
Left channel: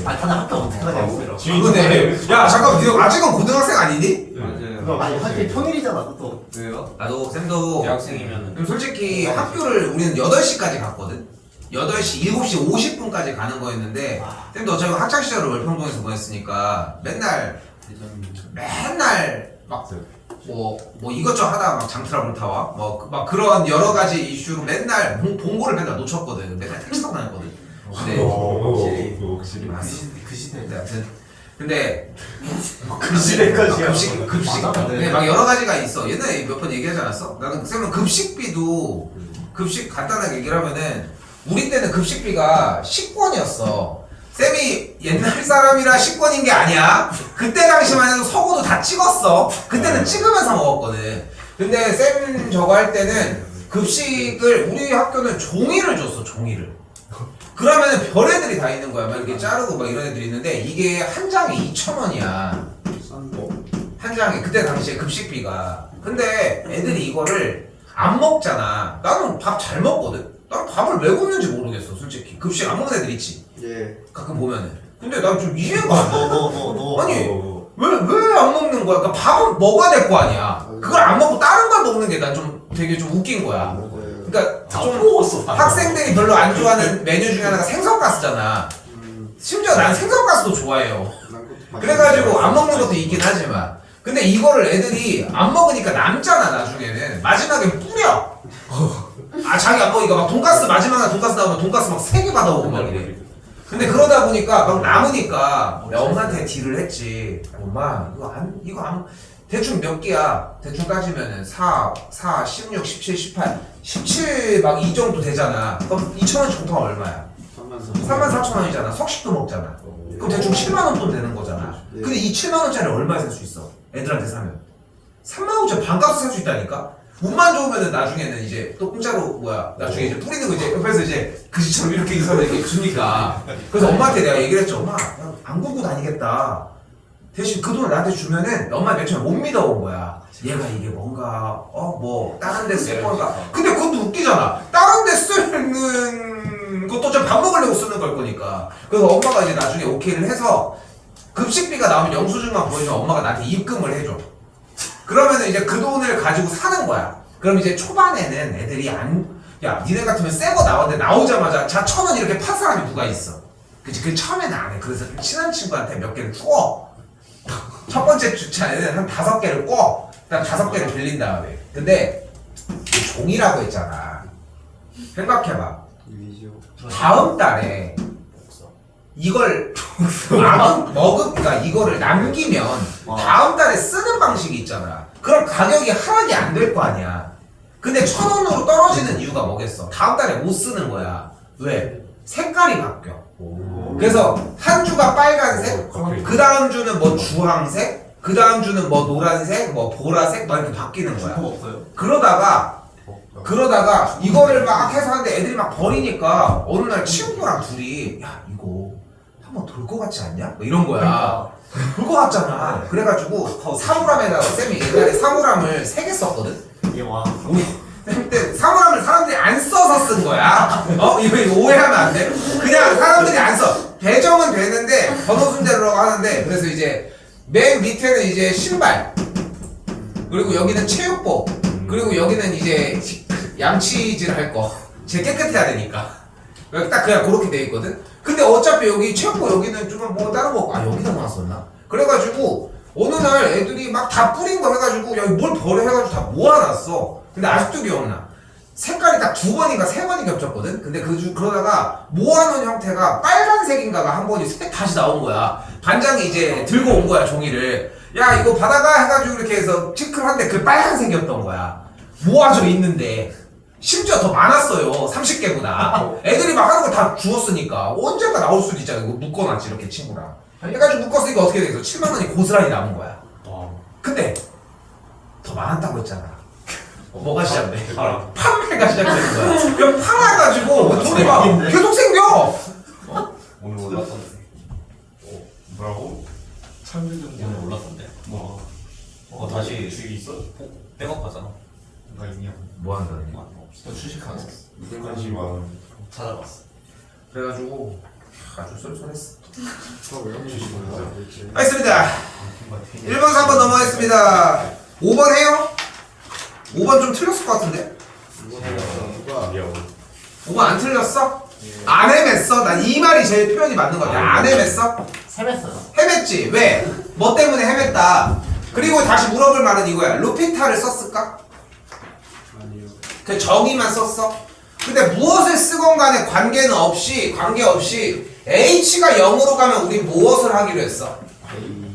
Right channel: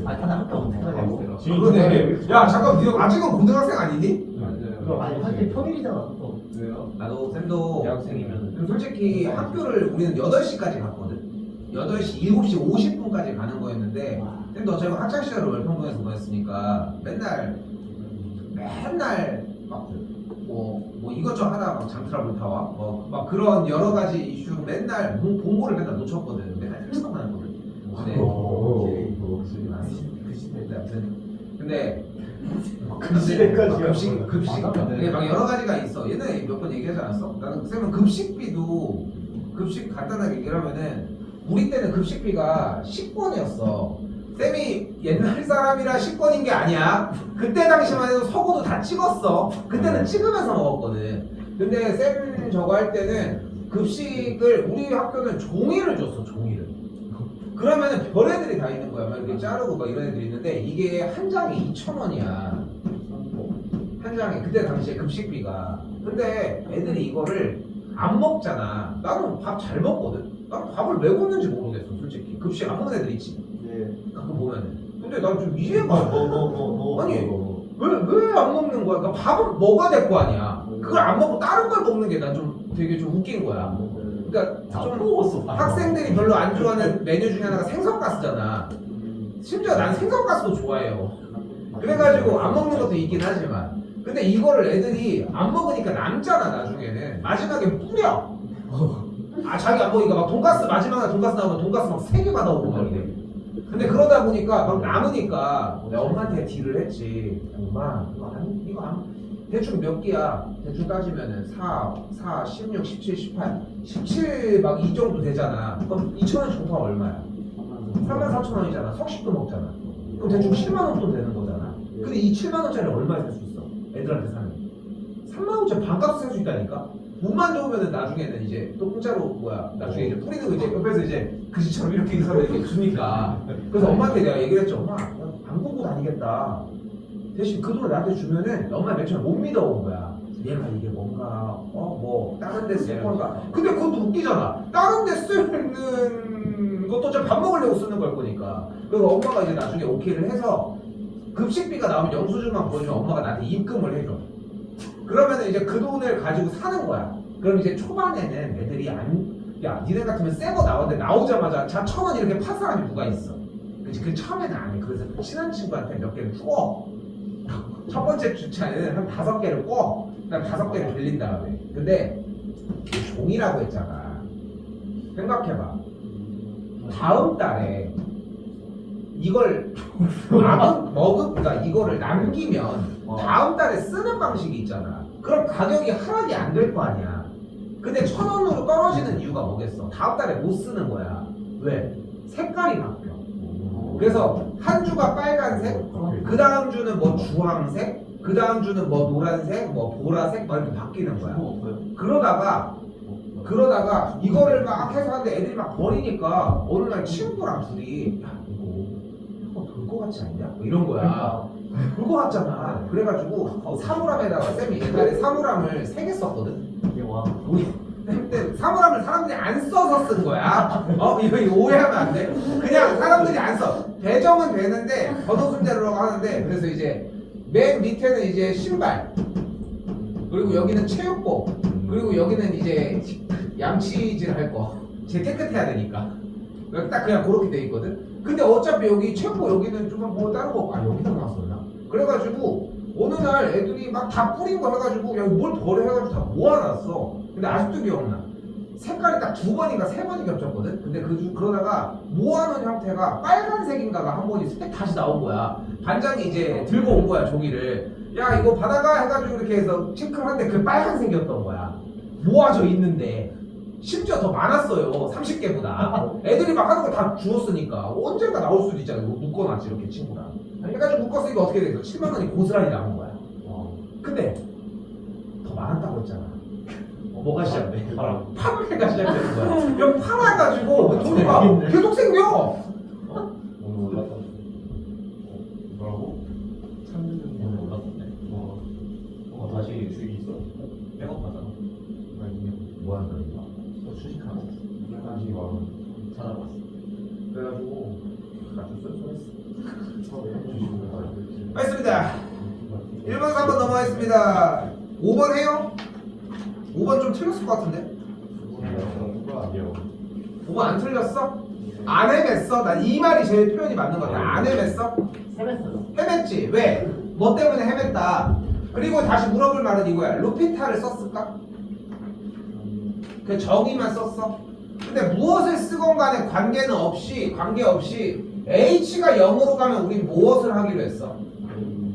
아 다들 학교 어떻게 가냐고. 그러네. 야 잠깐 너 아직은 고등학생 아니니? 맞아요. 아니 학교 평일이잖아 또. 왜요? 나도 쌤도 대학생이면은. 그럼 솔직히 학교를 우리는 8시까지 갔거든. 8시, 7시 50분까지 가는 거였는데 쌤도 어차피 학창시절을 월평동에서 보냈으니까 맨날 막 뭐 이것저것 하다가 막 장트러블 타와 막 그런 여러 가지 이슈로 맨날 봉고를 맨날 놓쳤거든. 맨날 택시 타고 다녔거든. 근데 확실히. 그 시대 때 아무튼 근데 그 시대까지야. 급식 근데 막 여러 가지가 있어. 옛날에 몇 번 얘기하지 않았어? 나는 쌤은 급식 간단하게 얘기를 하면은 우리 때는 급식비가 10권이었어. 쌤이 옛날 사람이라 식권인 게 아니야. 그때 당시만 해도 서고도 다 찍었어. 그때는 찍으면서 먹었거든. 근데 쌤 저거 할 때는 급식을 우리 학교는 종이를 줬어. 종이를. 그러면은 별애들이 다 있는 거야. 막 이렇게 자르고 막 이런 애들이 있는데 이게 한 장에 2,000원이야. 한 장에 그때 당시에 급식비가. 근데 애들이 이거를 안 먹잖아. 나는 밥 잘 먹거든. 난 밥을 왜 굶는지 모르겠어. 솔직히 급식 안 먹는 애들 있지. 예. 가끔 보면은. 근데 난 좀 이해가 안 돼. 너. 아니 왜 안 먹는 거야? 그러니까 밥은 먹어야 될 거 아니야. 그걸 안 먹고 다른 걸 먹는 게 난 좀 되게 좀 웃긴 거야. 그러니까 좀 먹었어. 학생들이 별로 안 좋아하는 메뉴 중에 하나가 생선가스잖아. 심지어 난 생선가스도 좋아해요. 그래가지고 안 먹는 것도 있긴 하지만 근데 이거를 애들이 안 먹으니까 남잖아. 나중에는 마지막에 뿌려. 아 자기 안 먹으니까 막 돈가스 마지막에 돈가스 나오면 돈가스 막 3개 받아오고 막 이래. 근데 그러다 보니까 막 남으니까 내가 엄마한테 딜을 했지. 엄마 이거 안 대충 몇 개야? 대충 따지면은 4, 16, 17, 18, 17 막 이 정도 되잖아. 그럼 2,000원씩 곱하면 얼마야? 34,000원이잖아. 석식도 먹잖아. 그럼 대충 7만 원 돈 되는 거잖아. 근데 이 7만 원짜리 얼마에 살 수 있어? 애들한테 사면 3만 원짜리 반값 살 수 있다니까. 운만 좋으면은 나중에는 이제 또 공짜로 나중에 이제 뿌리는 거 이제 옆에서 이제 그지처럼 이렇게 이사를 이렇게 주니까. 그래서 엄마한테 내가 얘기를 했죠. 엄마 안 굶고 다니겠다. 대신 그 돈을 나한테 주면은 엄마 맨 처음에 못 믿어온 거야. 얘가 이게 뭔가 뭐 다른 데 쓸 건가. 근데 그것도 웃기잖아. 다른 데 쓰는 것도 좀 밥 먹으려고 쓰는 걸 거니까. 그래서 엄마가 이제 나중에 오케이를 해서 급식비가 나오면 영수증만 보여주면 엄마가 나한테 입금을 해줘. 그러면 이제 그 돈을 가지고 사는 거야. 그럼 이제 초반에는 애들이 야 니네 같으면 새 거 나왔는데 나오자마자 자 1,000원 이렇게 판 사람이 누가 있어. 그치? 그 처음에는 안 해. 그래서 친한 친구한테 몇 개를 줘. 첫 번째 주차에는 한 5개를 꿔. 그다음 5개를 빌린 다음에. 근데 이 종이라고 했잖아. 생각해봐. 다음 달에 이걸 그러니까 이거를 남기면 다음 달에 쓰는 방식이 있잖아. 그럼 가격이 하락이 안 될 거 아니야. 근데 1,000원으로 떨어지는 이유가 뭐겠어? 다음 달에 못 쓰는 거야. 왜? 색깔이 바뀌어. 그래서 한 주가 빨간색, 그 다음 주는 뭐 주황색, 그 다음 주는 뭐 노란색, 뭐 보라색 막 이렇게 바뀌는 거야. 없어요. 그러다가 이거를 막 해서 하는데 애들이 막 버리니까 어느 날 친구랑 둘이 야 이거 한번 돌 것 같지 않냐? 뭐 이런 거야. 돌 것 같잖아. 그래가지고 사물함에다가 쌤이 옛날에 사물함을 3개 썼거든. 이게 와. 우리 그때 사물함을 사람들이 안 써서 쓴 거야. 이거 오해하면 안 돼. 그냥 사람들이 안 써. 배정은 되는데 번호 순대로 하는데 그래서 이제 맨 밑에는 이제 신발, 그리고 여기는 체육복, 그리고 여기는 이제 양치질 할 거. 제 깨끗해야 되니까. 여기 딱 그냥 그렇게 돼 있거든. 근데 어차피 여기 체육복 여기는 좀 뭐 다른 거 여기다 놨었나? 그래가지고 어느 날 애들이 막 다 뿌린 거 해가지고 야 뭘 버려 해가지고 다 모아놨어. 근데 아직도 기억나. 색깔이 딱 2번인가 3번이 겹쳤거든. 근데 그러다가 모아놓은 형태가 빨간색인가가 한 번이 다시 나온 거야. 반장이 이제 들고 온 거야 종이를. 야 이거 받아가 해가지고 이렇게 해서 체크를 한데 그 빨간색이었던 거야. 모아져 있는데 심지어 더 많았어요. 30개보다. 애들이 막 하는 거 다 주웠으니까 언젠가 나올 수도 있잖아. 이거 묶어놨지 이렇게 친구랑. 해가지고 묶었으니까 어떻게 되겠어? 7만 원이 고스란히 남은 거야. 근데 더 많았다고 했잖아. 뭐가 시작돼? 판매가 시작되는 거야. 그럼 팔아가지고 돈이 막 계속 생겨. 오늘 올랐던데. 뭐라고? 오늘 올랐던데. 다시 주익 있어? 백업하잖아. 나 있냐? 뭐 한다는 너 주식 안 샀어. 무슨 관심 많은? 찾아봤어. 그래가지고 아주 쏠쏠했어. 주식을 알겠습니다. 1번 3번 넘어가겠습니다. 5번 해요? 5번 좀 틀렸을 것 같은데? 5번 안 틀렸어? 안 헤맸어? 난 이 말이 제일 표현이 맞는 것 같아. 안 헤맸어? 세뱃어요. 헤맸지. 왜? 뭐 때문에 헤맸다. 그리고 다시 물어볼 말은 이거야. 루피타를 썼을까? 그 정의만 썼어? 근데 무엇을 쓰건 간에 관계없이 H가 0으로 가면 우리 무엇을 하기로 했어?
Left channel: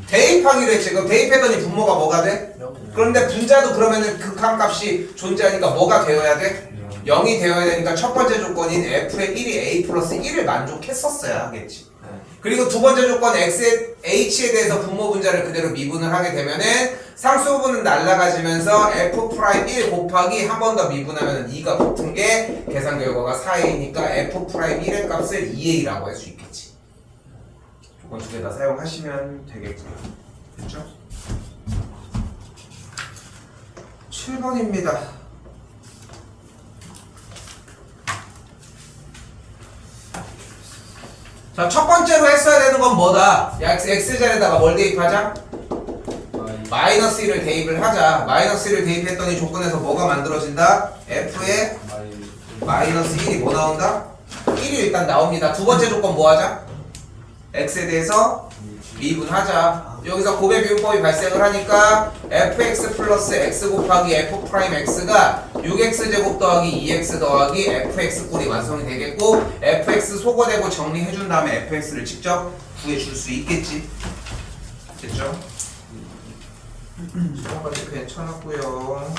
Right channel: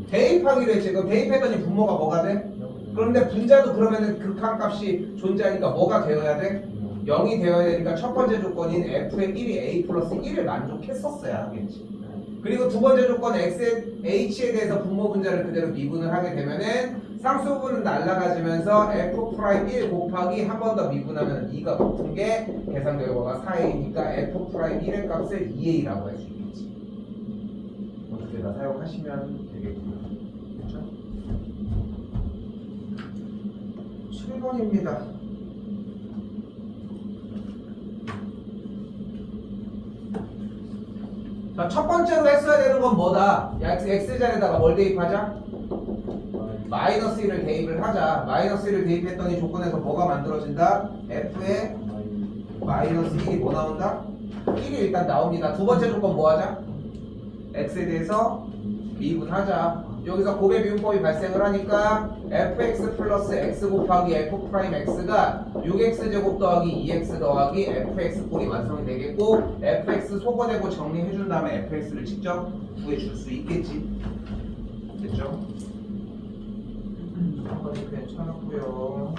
대입하기로 했지. 그럼 대입했더니 분모가 뭐가 돼? 그런데 분자도 그러면은 극한값이 존재하니까 뭐가 되어야 돼? 0이 되어야 되니까 첫 번째 조건인 f의 1이 a 플러스 1을 만족했었어야 하겠지. 그리고 두 번째 조건 h에 대해서 분모 분자를 그대로 미분을 하게 되면은 상수 부분은 날라가지면서 f'1 곱하기 한 번 더 미분하면 2가 붙은 게 계산 결과가 4a니까 f'1의 값을 2a라고 할 수 있겠지. 조건 두 개 다 사용하시면 되겠고요. 됐죠? 7번입니다. 자, 첫 번째로 했어야 되는 건 뭐다? 야, x자리에다가 뭘 대입하자? 마이너스 1을 대입을 하자. 마이너스 1을 대입했더니 조건에서 뭐가 만들어진다? f에 마이너스 1이 뭐 나온다? 1이 일단 나옵니다. 두 번째 조건 뭐 하자? x에 대해서 미분하자. 여기서 곱의 미분법이 발생을 하니까 fx 플러스 x 곱하기 f 프라임 x가 6x제곱 더하기 2x 더하기 fx 꼴이 완성이 되겠고 fx 소거되고 정리해준 다음에 fx를 직접 구해줄 수 있겠지. 됐죠? 처음까지 괜찮았고요.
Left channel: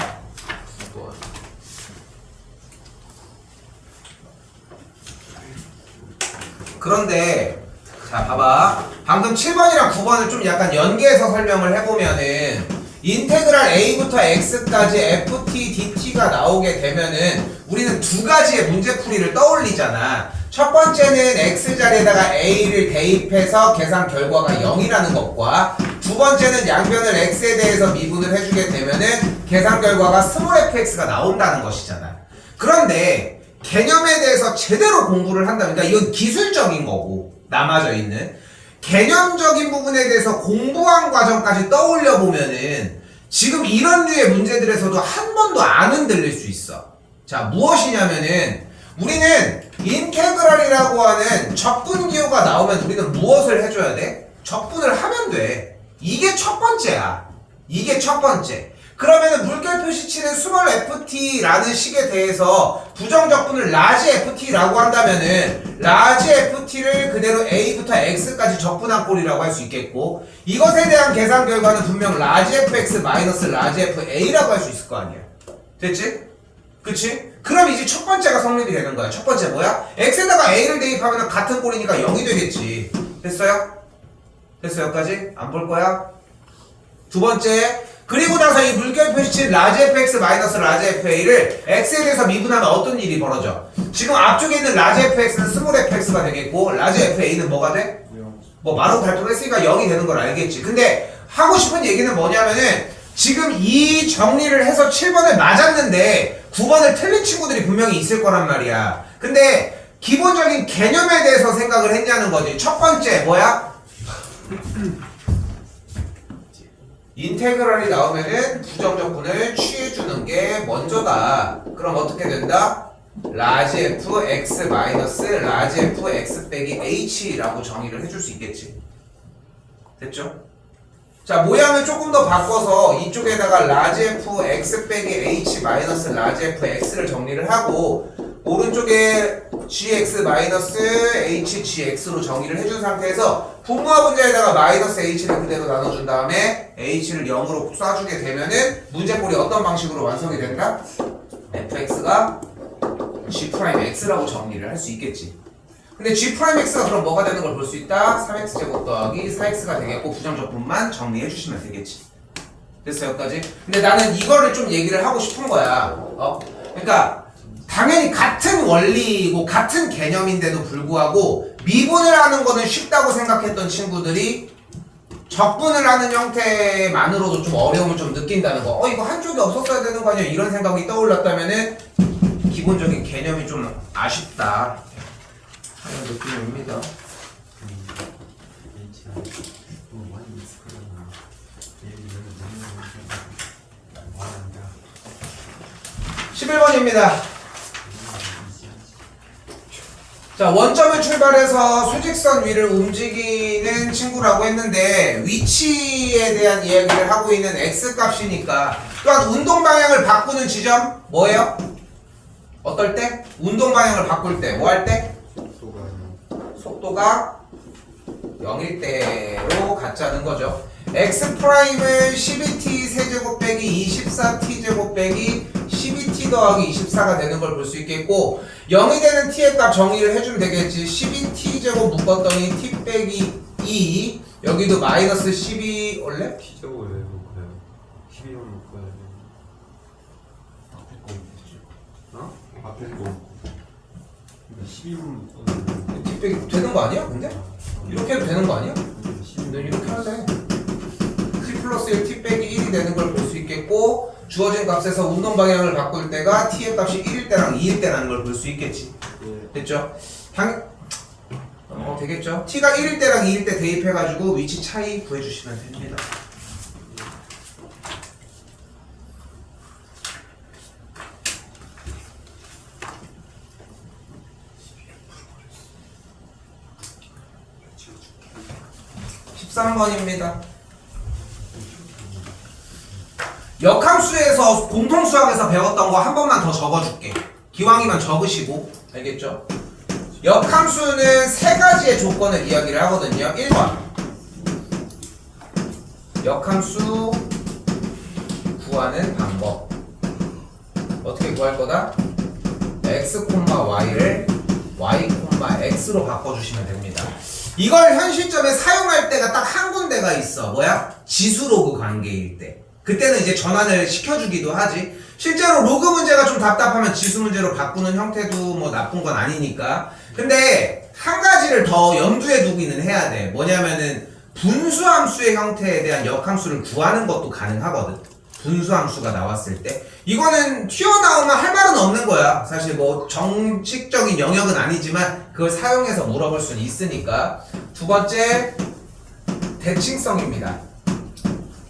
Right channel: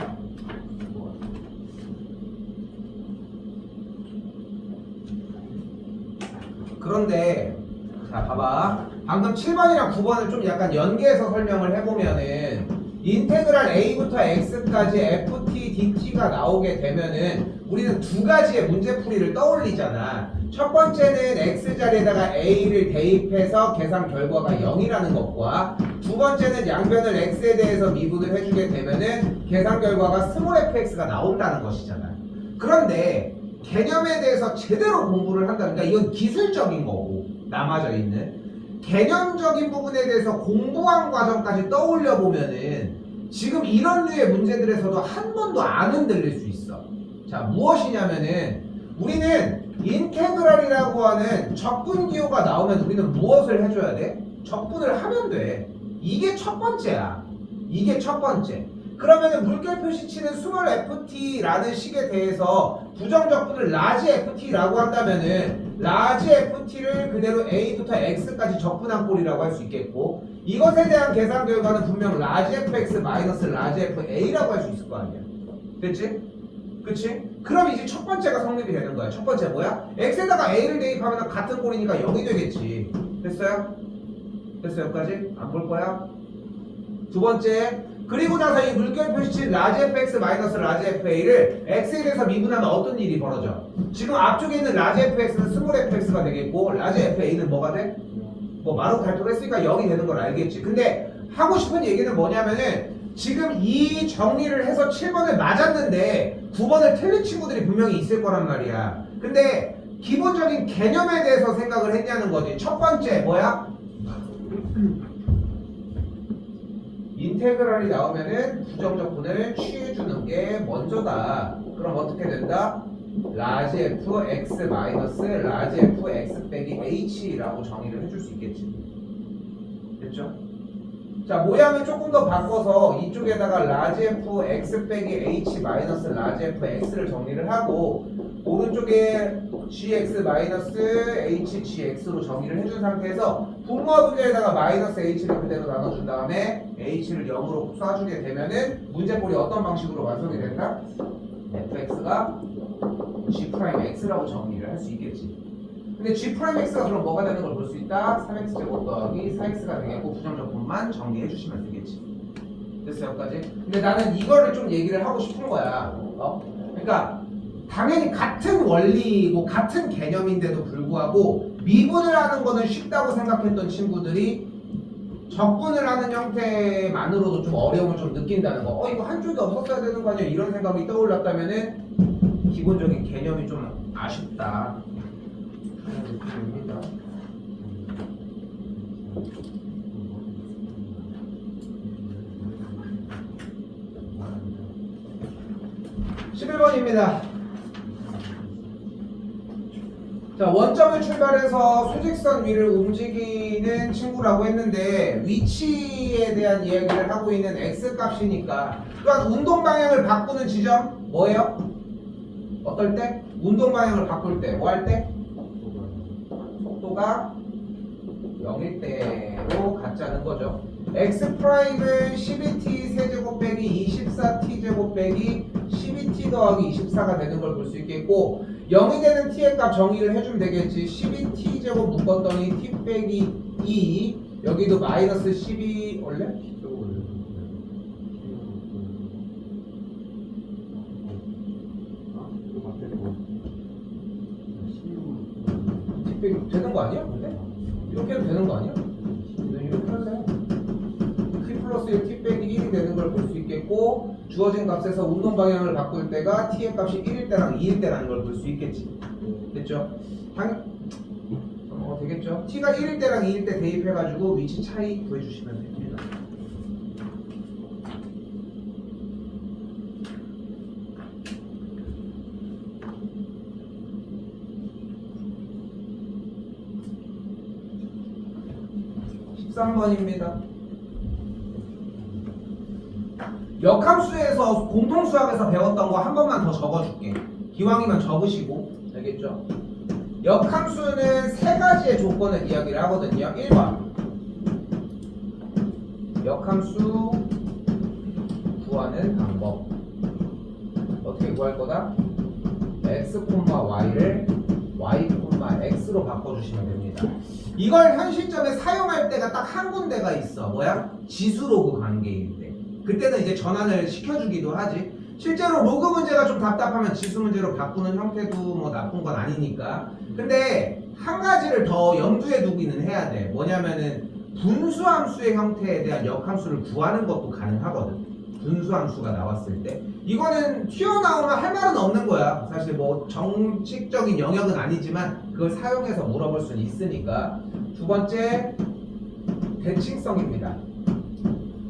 그런데 자 봐봐, 방금 7번이랑 9번을 좀 약간 연계해서 설명을 해보면은 인테그랄 a부터 x까지 ft dt가 나오게 되면은 우리는 두 가지의 문제풀이를 떠올리잖아. 첫 번째는 x자리에다가 a를 대입해서 계산 결과가 0이라는 것과 두 번째는 양변을 x에 대해서 미분을 해주게 되면은 계산 결과가 스몰 fx가 나온다는 것이잖아. 그런데 개념에 대해서 제대로 공부를 한다면, 그러니까 이건 기술적인 거고 남아져 있는 개념적인 부분에 대해서 공부한 과정까지 떠올려 보면은 지금 이런 류의 문제들에서도 한 번도 안 흔들릴 수 있어. 자, 무엇이냐면은 우리는 인테그랄이라고 하는 적분 기호가 나오면 우리는 무엇을 해줘야 돼? 적분을 하면 돼. 이게 첫 번째야. 이게 첫 번째. 그러면은 물결 표시치는 스몰 ft라는 식에 대해서 부정적분을 라지 ft라고 한다면은 라지 ft를 그대로 a부터 x까지 적분한 꼴이라고 할 수 있겠고, 이것에 대한 계산 결과는 분명 라지 fx 마이너스 라지 fa라고 할 수 있을 거 아니야. 됐지? 그치? 그럼 이제 첫 번째가 성립이 되는 거야. 첫 번째 뭐야? x에다가 a를 대입하면 같은 꼴이니까 0이 되겠지. 됐어요? 됐어요? 여기까지? 안 볼 거야? 두 번째, 그리고 나서 이 물결 표시치 라지 fx 마이너스 라지 fa를 x에 대해서 미분하면 어떤 일이 벌어져? 지금 앞쪽에 있는 라지 fx는 스몰 fx가 되겠고 라지 fa는 뭐가 돼? 뭐 마로 발표를 했으니까 0이 되는 걸 알겠지. 근데 하고 싶은 얘기는 뭐냐면은 지금 이 정리를 해서 7번을 맞았는데 9번을 틀린 친구들이 분명히 있을 거란 말이야. 근데 기본적인 개념에 대해서 생각을 했냐는 거지. 첫 번째 뭐야? 인테그랄이 나오면은 부정적분을 취해주는 게 먼저다. 그럼 어떻게 된다? 라지 f x 마이너스 라지 f x 빼기 h라고 정의를 해줄 수 있겠지. 됐죠? 자, 모양을 조금 더 바꿔서 이쪽에다가 라지 f x 빼기 h 마이너스 라지 f x를 정리를 하고 오른쪽에 gx 마이너스 h gx로 정의를 해준 상태에서 분모와 분자에다가 마이너스 h를 그대로 나눠준 다음에 h를 0으로 쏴주게 되면은 문제꼴이 어떤 방식으로 완성이 된다? fx가 g'x라고 정리를 할 수 있겠지. 근데 g'x가 그럼 뭐가 되는 걸 볼 수 있다? 3x제곱 더하기 4x가 되겠고 부정적분만 정리해 주시면 되겠지. 됐어요? 여기까지? 근데 나는 이거를 좀 얘기를 하고 싶은 거야. 그러니까 당연히 같은 원리이고 같은 개념인데도 불구하고 미분을 하는 거는 쉽다고 생각했던 친구들이 적분을 하는 형태만으로도 좀 어려움을 좀 느낀다는 거. 이거 한쪽이 없었어야 되는 거 아니야? 이런 생각이 떠올랐다면은 기본적인 개념이 좀 아쉽다 하는 느낌입니다. 11번입니다. 자, 원점을 출발해서 수직선 위를 움직이는 친구라고 했는데 위치에 대한 이야기를 하고 있는 x값이니까 또한 운동 방향을 바꾸는 지점 뭐예요? 어떨 때? 운동 방향을 바꿀 때 뭐 할 때? 속도가 0일 때로 갖자는 거죠. x 프라임을 12t 세제곱 빼기 24t 제곱 빼기 12t 더하기 24가 되는 걸 볼 수 있겠고 0이 되는 t의 값 정의를 해주면 되겠지. 12t제곱 묶었더니 t 빼기 2 여기도 마이너스 12 원래? T제곱을 왜 묶어야 돼? 12만 묶어야 돼. 어? 이거 앞에 거 12만 묶어야 t 빼기 되는 거 아니야? 근데? 이렇게 해도 되는 거 아니야? 돼. 너 이렇게 할래. t 플러스 1 t 빼기 1이 되는 걸 볼 수 있겠고 주어진 값에서 운동 방향을 바꿀 때가 t의 값이 1일 때랑 2일 때라는 걸 볼 수 있겠지. 됐죠? 되겠죠? t가 1일 때랑 2일 때 대입해가지고 위치 차이 구해주시면 됩니다. (13번입니다) 역함수에서 공통수학에서 배웠던 거 한 번만 더 적어줄게. 기왕이면 적으시고. 알겠죠? 역함수는 세 가지의 조건을 이야기를 하거든요. 1번 역함수 구하는 방법. 어떻게 구할 거다? x, y를 y, x로 바꿔주시면 됩니다. 이걸 현 시점에 사용할 때가 딱 한 군데가 있어. 뭐야? 지수로그 관계일 때. 그때는 이제 전환을 시켜주기도 하지. 실제로 로그 문제가 좀 답답하면 지수 문제로 바꾸는 형태도 뭐 나쁜 건 아니니까. 근데 한 가지를 더 염두에 두기는 해야 돼. 뭐냐면은 분수함수의 형태에 대한 역함수를 구하는 것도 가능하거든. 분수함수가 나왔을 때 이거는 튀어나오면 할 말은 없는 거야. 사실 뭐 정식적인 영역은 아니지만 그걸 사용해서 물어볼 수는 있으니까. 두 번째 대칭성입니다.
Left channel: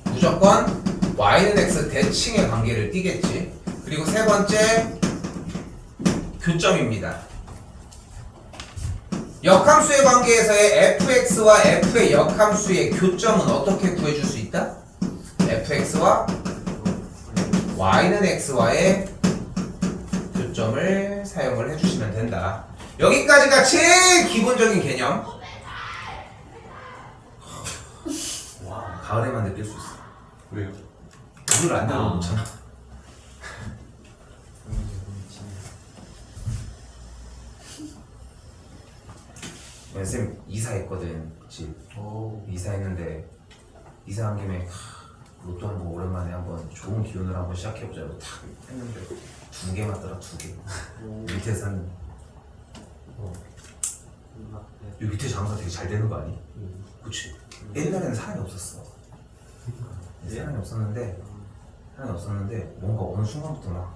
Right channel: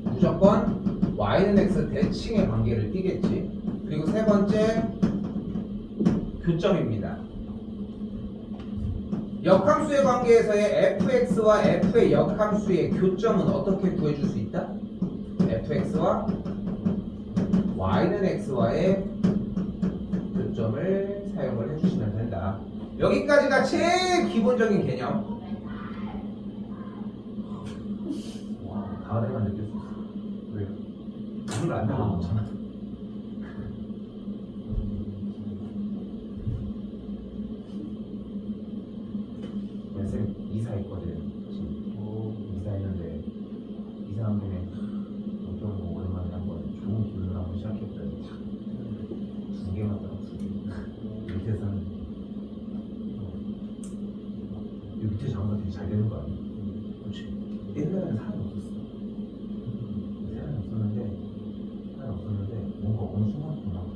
무조건 y는 x 대칭의 관계를 띠겠지. 그리고 세 번째 교점입니다. 역함수의 관계에서의 fx와 f의 역함수의 교점은 어떻게 구해줄 수 있다? fx와 y는 x와의 교점을 사용을 해주시면 된다. 여기까지가 제일 기본적인 개념. 와, 가을에만 느낄 수 있어. 왜요? 물을 안 달아놓잖아. 쌤 이사했거든. 집 이사했는데 이사한 김에 로또 한번 오랜만에 한번 좋은 기운을 한번 시작해보자고 탁 했는데 2개 맞더라. 2개. 밑에서는 이 밑에 장사 되게 잘 되는 거 아니? 그치? 옛날에는 사람이 없었어. 사람이 없었는데 뭔가 어느 순간부터 막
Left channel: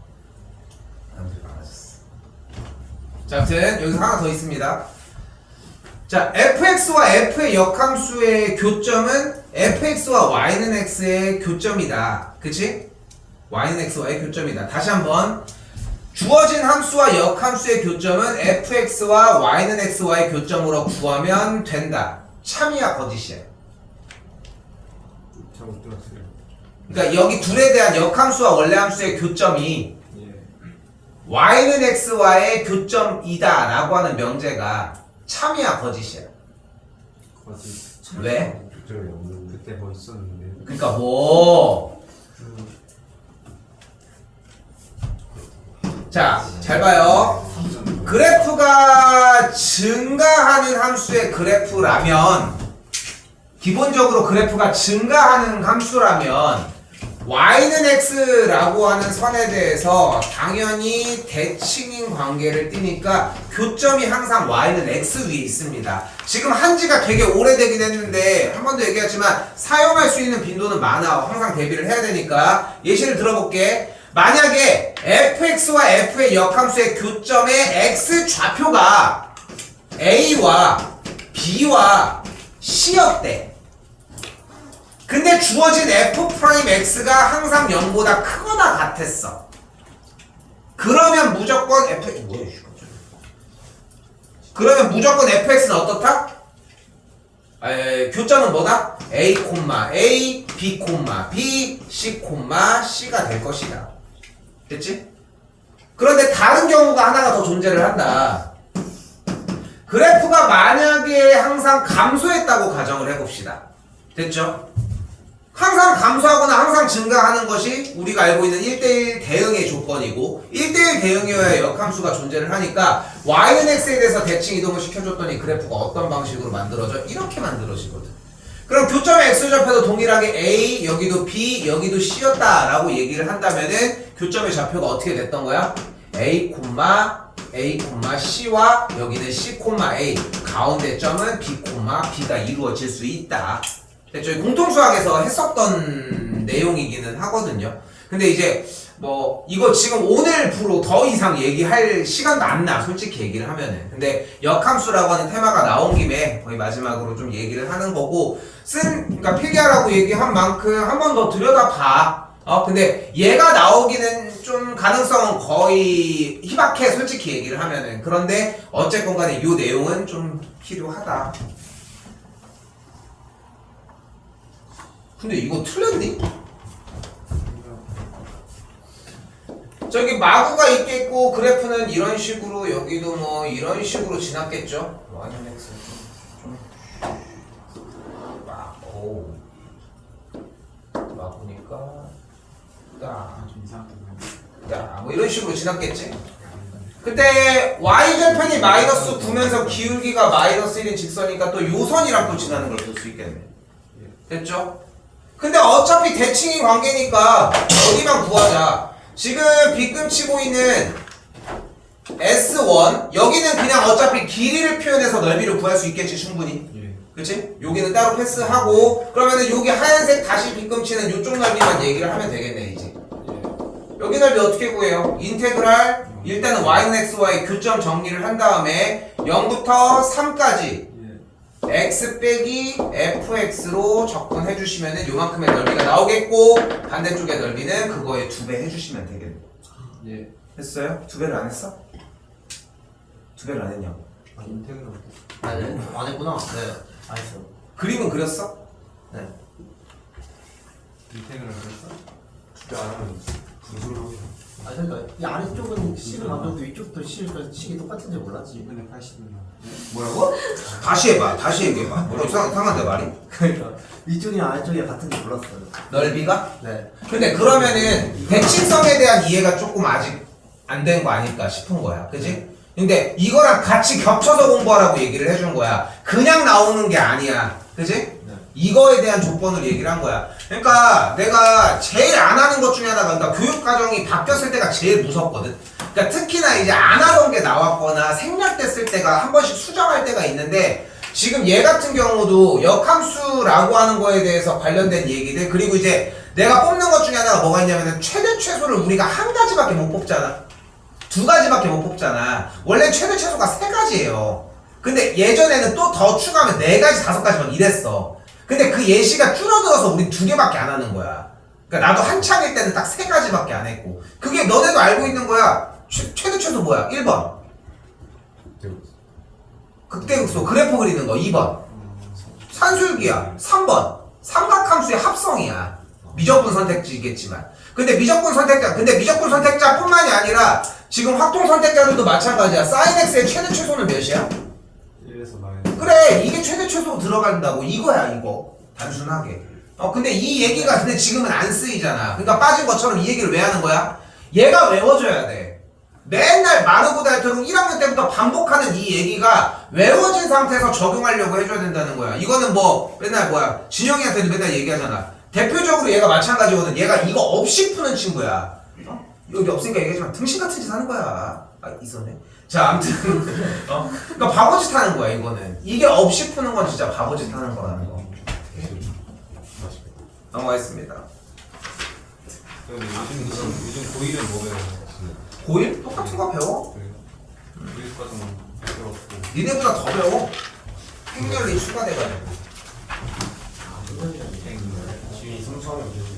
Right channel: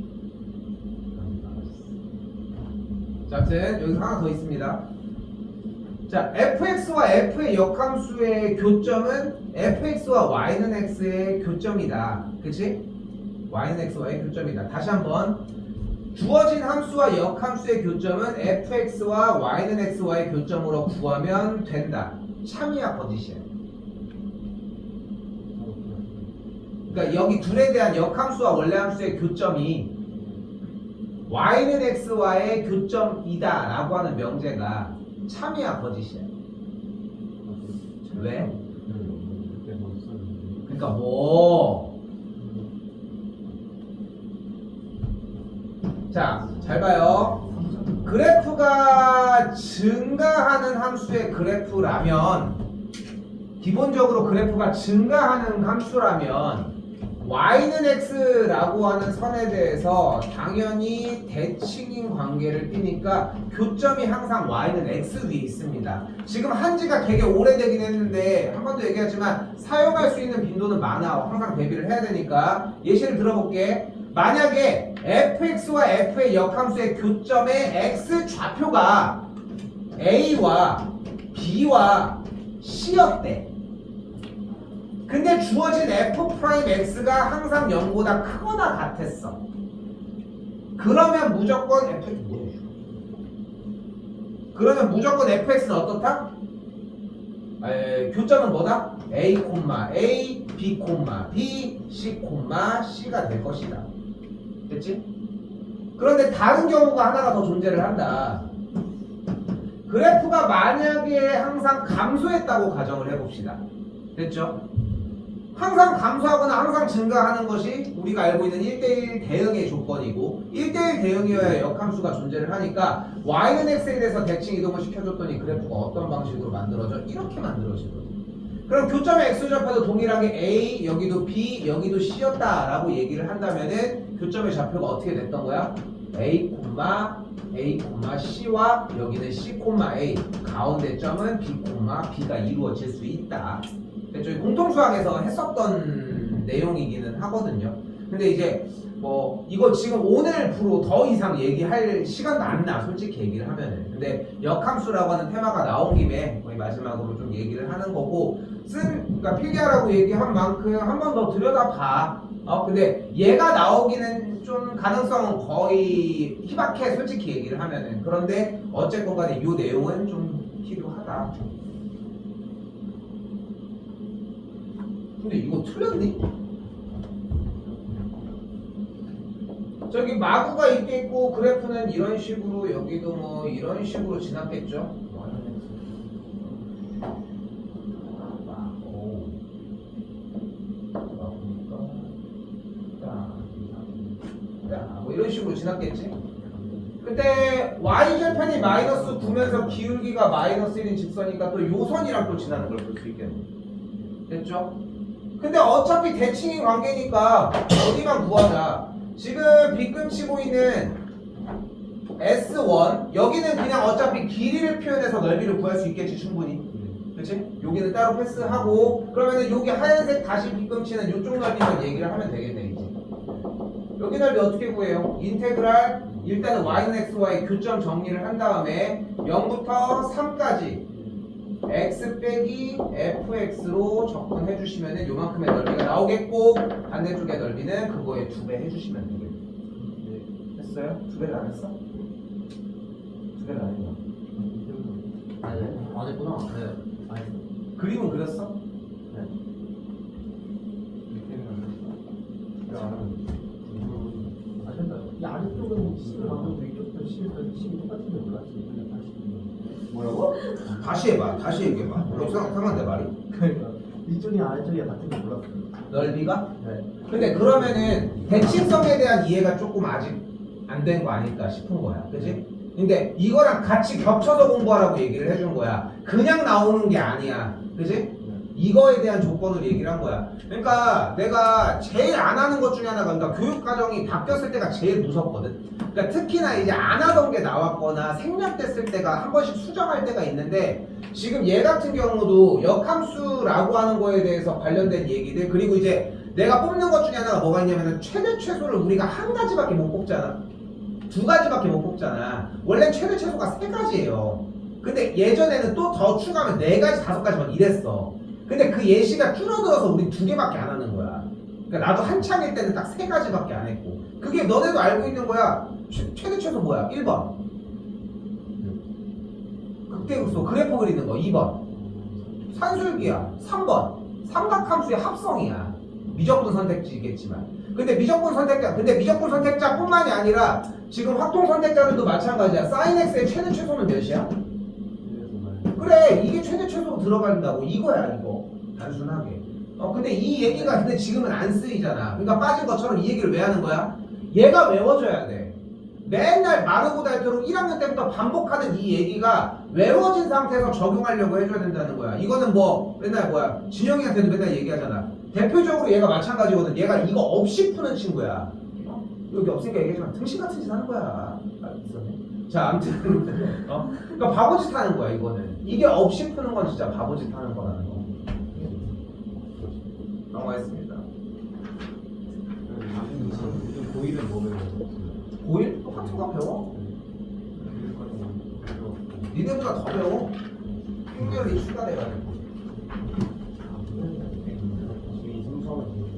사람들이 많아졌어. 자, 아무튼 여기서 하나 더 있습니다. 자, fx와 f의 역함수의 교점은 fx와 y는 x의 교점이다. 그치? y는 x와의 교점이다. 다시 한번 주어진 함수와 역함수의 교점은 fx와 y는 x와의 교점으로 구하면 된다. 참이야 거짓이야? 잘못 들었어요. 그러니까 여기 둘에 대한 역함수와 원래함수의 교점이 예. y는 x와의 교점이다 라고 하는 명제가 참이야 거짓이야? 거짓. 왜? 교점이 없는 그때 뭐 있었는데. 그러니까 뭐 자, 잘 봐요. 그래프가 증가하는 함수의 그래프라면 기본적으로 그래프가 증가하는 함수라면 y는 x라고 하는 선에 대해서 당연히 대칭인 관계를 띠니까 교점이 항상 y는 x 위에 있습니다. 지금 한지가 되게 오래되긴 했는데 한 번도 얘기했지만 사용할 수 있는 빈도는 많아. 항상 대비를 해야 되니까 예시를 들어볼게. 만약에 fx와 f의 역함수의 교점의 x 좌표가 a와 b와 c였대. 근데 주어진 f'x가 항상 0보다 크거나 같았어. 그러면 무조건 그러면 무조건 fx는 어떻다? 교점은 뭐다? a, a, b, b, c, c가 될 것이다. 됐지? 그런데 다른 경우가 하나가 더 존재를 한다. 그래프가 만약에 항상 감소했다고 가정을 해봅시다. 됐죠? 항상 감소하거나 항상 증가하는 것이 우리가 알고 있는 1대1 대응의 조건이고 1대1 대응이어야 역함수가 존재를 하니까 y는 x에 대해서 대칭 이동을 시켜줬더니 그래프가 어떤 방식으로 만들어져? 이렇게 만들어지거든. 그럼 교점의 x좌표도 동일하게 a, 여기도 b, 여기도 c였다라고 얘기를 한다면은 교점의 좌표가 어떻게 됐던 거야? a, c와 여기는 c, a 가운데 점은 b, b가 이루어질 수 있다. 저희 공통수학에서 했었던 내용이기는 하거든요. 근데 이제 뭐 이거 지금 오늘부로 더 이상 얘기할 시간도 안 나, 솔직히 얘기를 하면은. 근데 역함수라고 하는 테마가 나온 김에 거의 마지막으로 좀 얘기를 하는 거고, 그러니까 필기하라고 얘기한 만큼 한 번 더 들여다봐. 근데 얘가 나오기는 좀 가능성은 거의 희박해, 솔직히 얘기를 하면은. 그런데 어쨌건 간에 이 내용은 좀 필요하다. 근데 이거 틀렸니? 저기 마구가 있겠고 그래프는 이런 식으로 여기도 뭐 이런 식으로 지났겠죠? y는 x 마구 마구니까 뭐 이런 식으로 지났겠지? 그때 y절편이 마이너스 9면서 기울기가 마이너스 1인 직선이니까 또 요선이랑 또 지나는 걸 볼 수 있겠네. 됐죠? 근데 어차피 대칭인 관계니까 여기만 구하자. 지금 빗금치고 있는 S1 여기는 그냥 어차피 길이를 표현해서 넓이를 구할 수 있겠지 충분히. 그치? 여기는 따로 패스하고 그러면은 여기 하얀색 다시 빗금치는 이쪽 넓이만 얘기를 하면 되겠네 이제. 여기 넓이 어떻게 구해요? 인테그랄 일단은 y는 xy 교점 정리를 한 다음에 0부터 3까지 x 빼기 fx로 접근해 주시면은 요만큼의 넓이가 나오겠고 반대쪽의 넓이는 그거에 2배 해주시면 되겠네. 예. 했어요? 2배를 안 했어? 2배를 안 했냐? 아니 안 했구나. 네. 안 했어. 그림은 그렸어? 네. 인테그랄 진짜 안 하면 분수를 하고 있는. 아 그러니까 이 아래쪽은 C를 가져도 위쪽도 C가 식이 똑같은지 몰랐지. 근데 80년. 뭐라고? 다시 해봐. 다시 얘기해봐. 뭐 이상한데 말이? 그러니까 위쪽이랑 아래쪽이 같은지 몰랐어요. 넓이가? 네. 근데 그러면은 대칭성에 대한 이해가 조금 아직 안 된 거 아닐까 싶은 거야. 그지? 근데 이거랑 같이 겹쳐서 공부하라고 얘기를 해준 거야. 그냥 나오는 게 아니야. 그지? 이거에 대한 조건을 얘기를 한 거야. 그러니까 내가 제일 안 하는 것 중에 하나가 그러니까 교육과정이 바뀌었을 때가 제일 무섭거든. 그러니까 특히나 이제 안 하던 게 나왔거나 생략됐을 때가 한 번씩 수정할 때가 있는데 지금 얘 같은 경우도 역함수라고 하는 거에 대해서 관련된 얘기들 그리고 이제 내가 뽑는 것 중에 하나가 뭐가 있냐면은 최대 최소를 우리가 한 가지밖에 못 뽑잖아. 2가지밖에 못 뽑잖아. 원래 최대 최소가 3가지예요. 근데 예전에는 또 더 추가하면 4가지, 5가지 막 이랬어. 근데 그 예시가 줄어들어서 우린 2개밖에 안 하는 거야. 그러니까 나도 한창일 때는 딱 3가지밖에 안 했고 그게 너네도 알고 있는 거야. 최대 최소 뭐야? 1번 극대극소 그래프 그리는 거. 2번 산술기야. 3번 삼각함수의 합성이야. 미적분 선택지겠지만 근데 미적분 선택자 뿐만이 아니라 지금 확통 선택자들도 마찬가지야. sin x의 최대 최소는 몇이야? 1에서 나의. 그래 이게 최대 최소 들어간다고 이거야 이거 단순하게. 근데 이 얘기가 근데 지금은 안 쓰이잖아. 그러니까 빠진 것처럼 이 얘기를 왜 하는 거야? 얘가 외워져야 돼. 맨날 마르고 닳도록 1학년 때부터 반복하는 이 얘기가 외워진 상태에서 적용하려고 해줘야 된다는 거야. 이거는 뭐 맨날 뭐야 진영이한테도 맨날 얘기하잖아. 대표적으로 얘가 마찬가지거든. 얘가 이거 없이 푸는 친구야. 여기 없으니까 얘기하지만 등신 같은 짓 하는 거야. 있었네. 자 아무튼 그러니까 바보짓 하는 거야 이거는. 이게 없이 푸는 건 진짜 바보짓 하는 거라는 거. 넘어가겠습니다. 요즘 고일은 뭐 배워요? 고1? 똑같은 거 배워. 고일 과정 배웠고. 니네보다 더 배워. 행렬이 추가돼가지고. 지금 이승처럼 되지.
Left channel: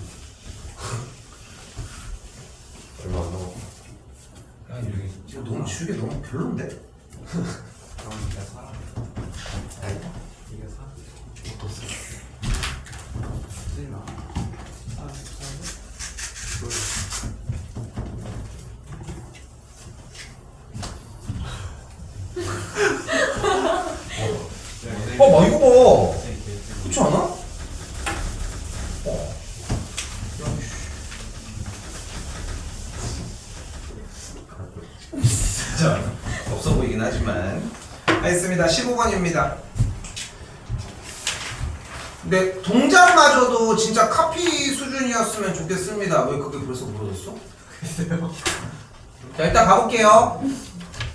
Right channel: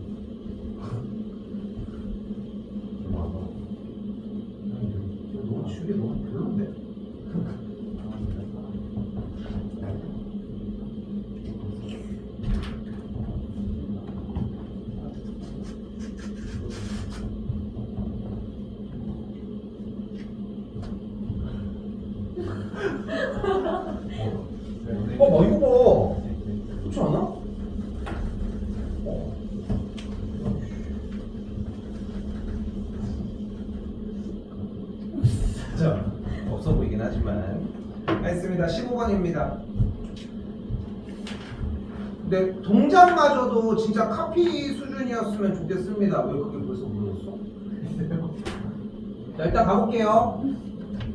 얼마 안 남았고. 지금 너무 주게 너무 별론데? 이게 사람. 이게 막 이거 봐. 그렇지 않아? 거긴 하지만 알겠습니다. 15번입니다. 근데 동작마저도 진짜 카피 수준이었으면 좋겠습니다. 왜 그게 벌써 무너졌어? 자, 일단 가볼게요.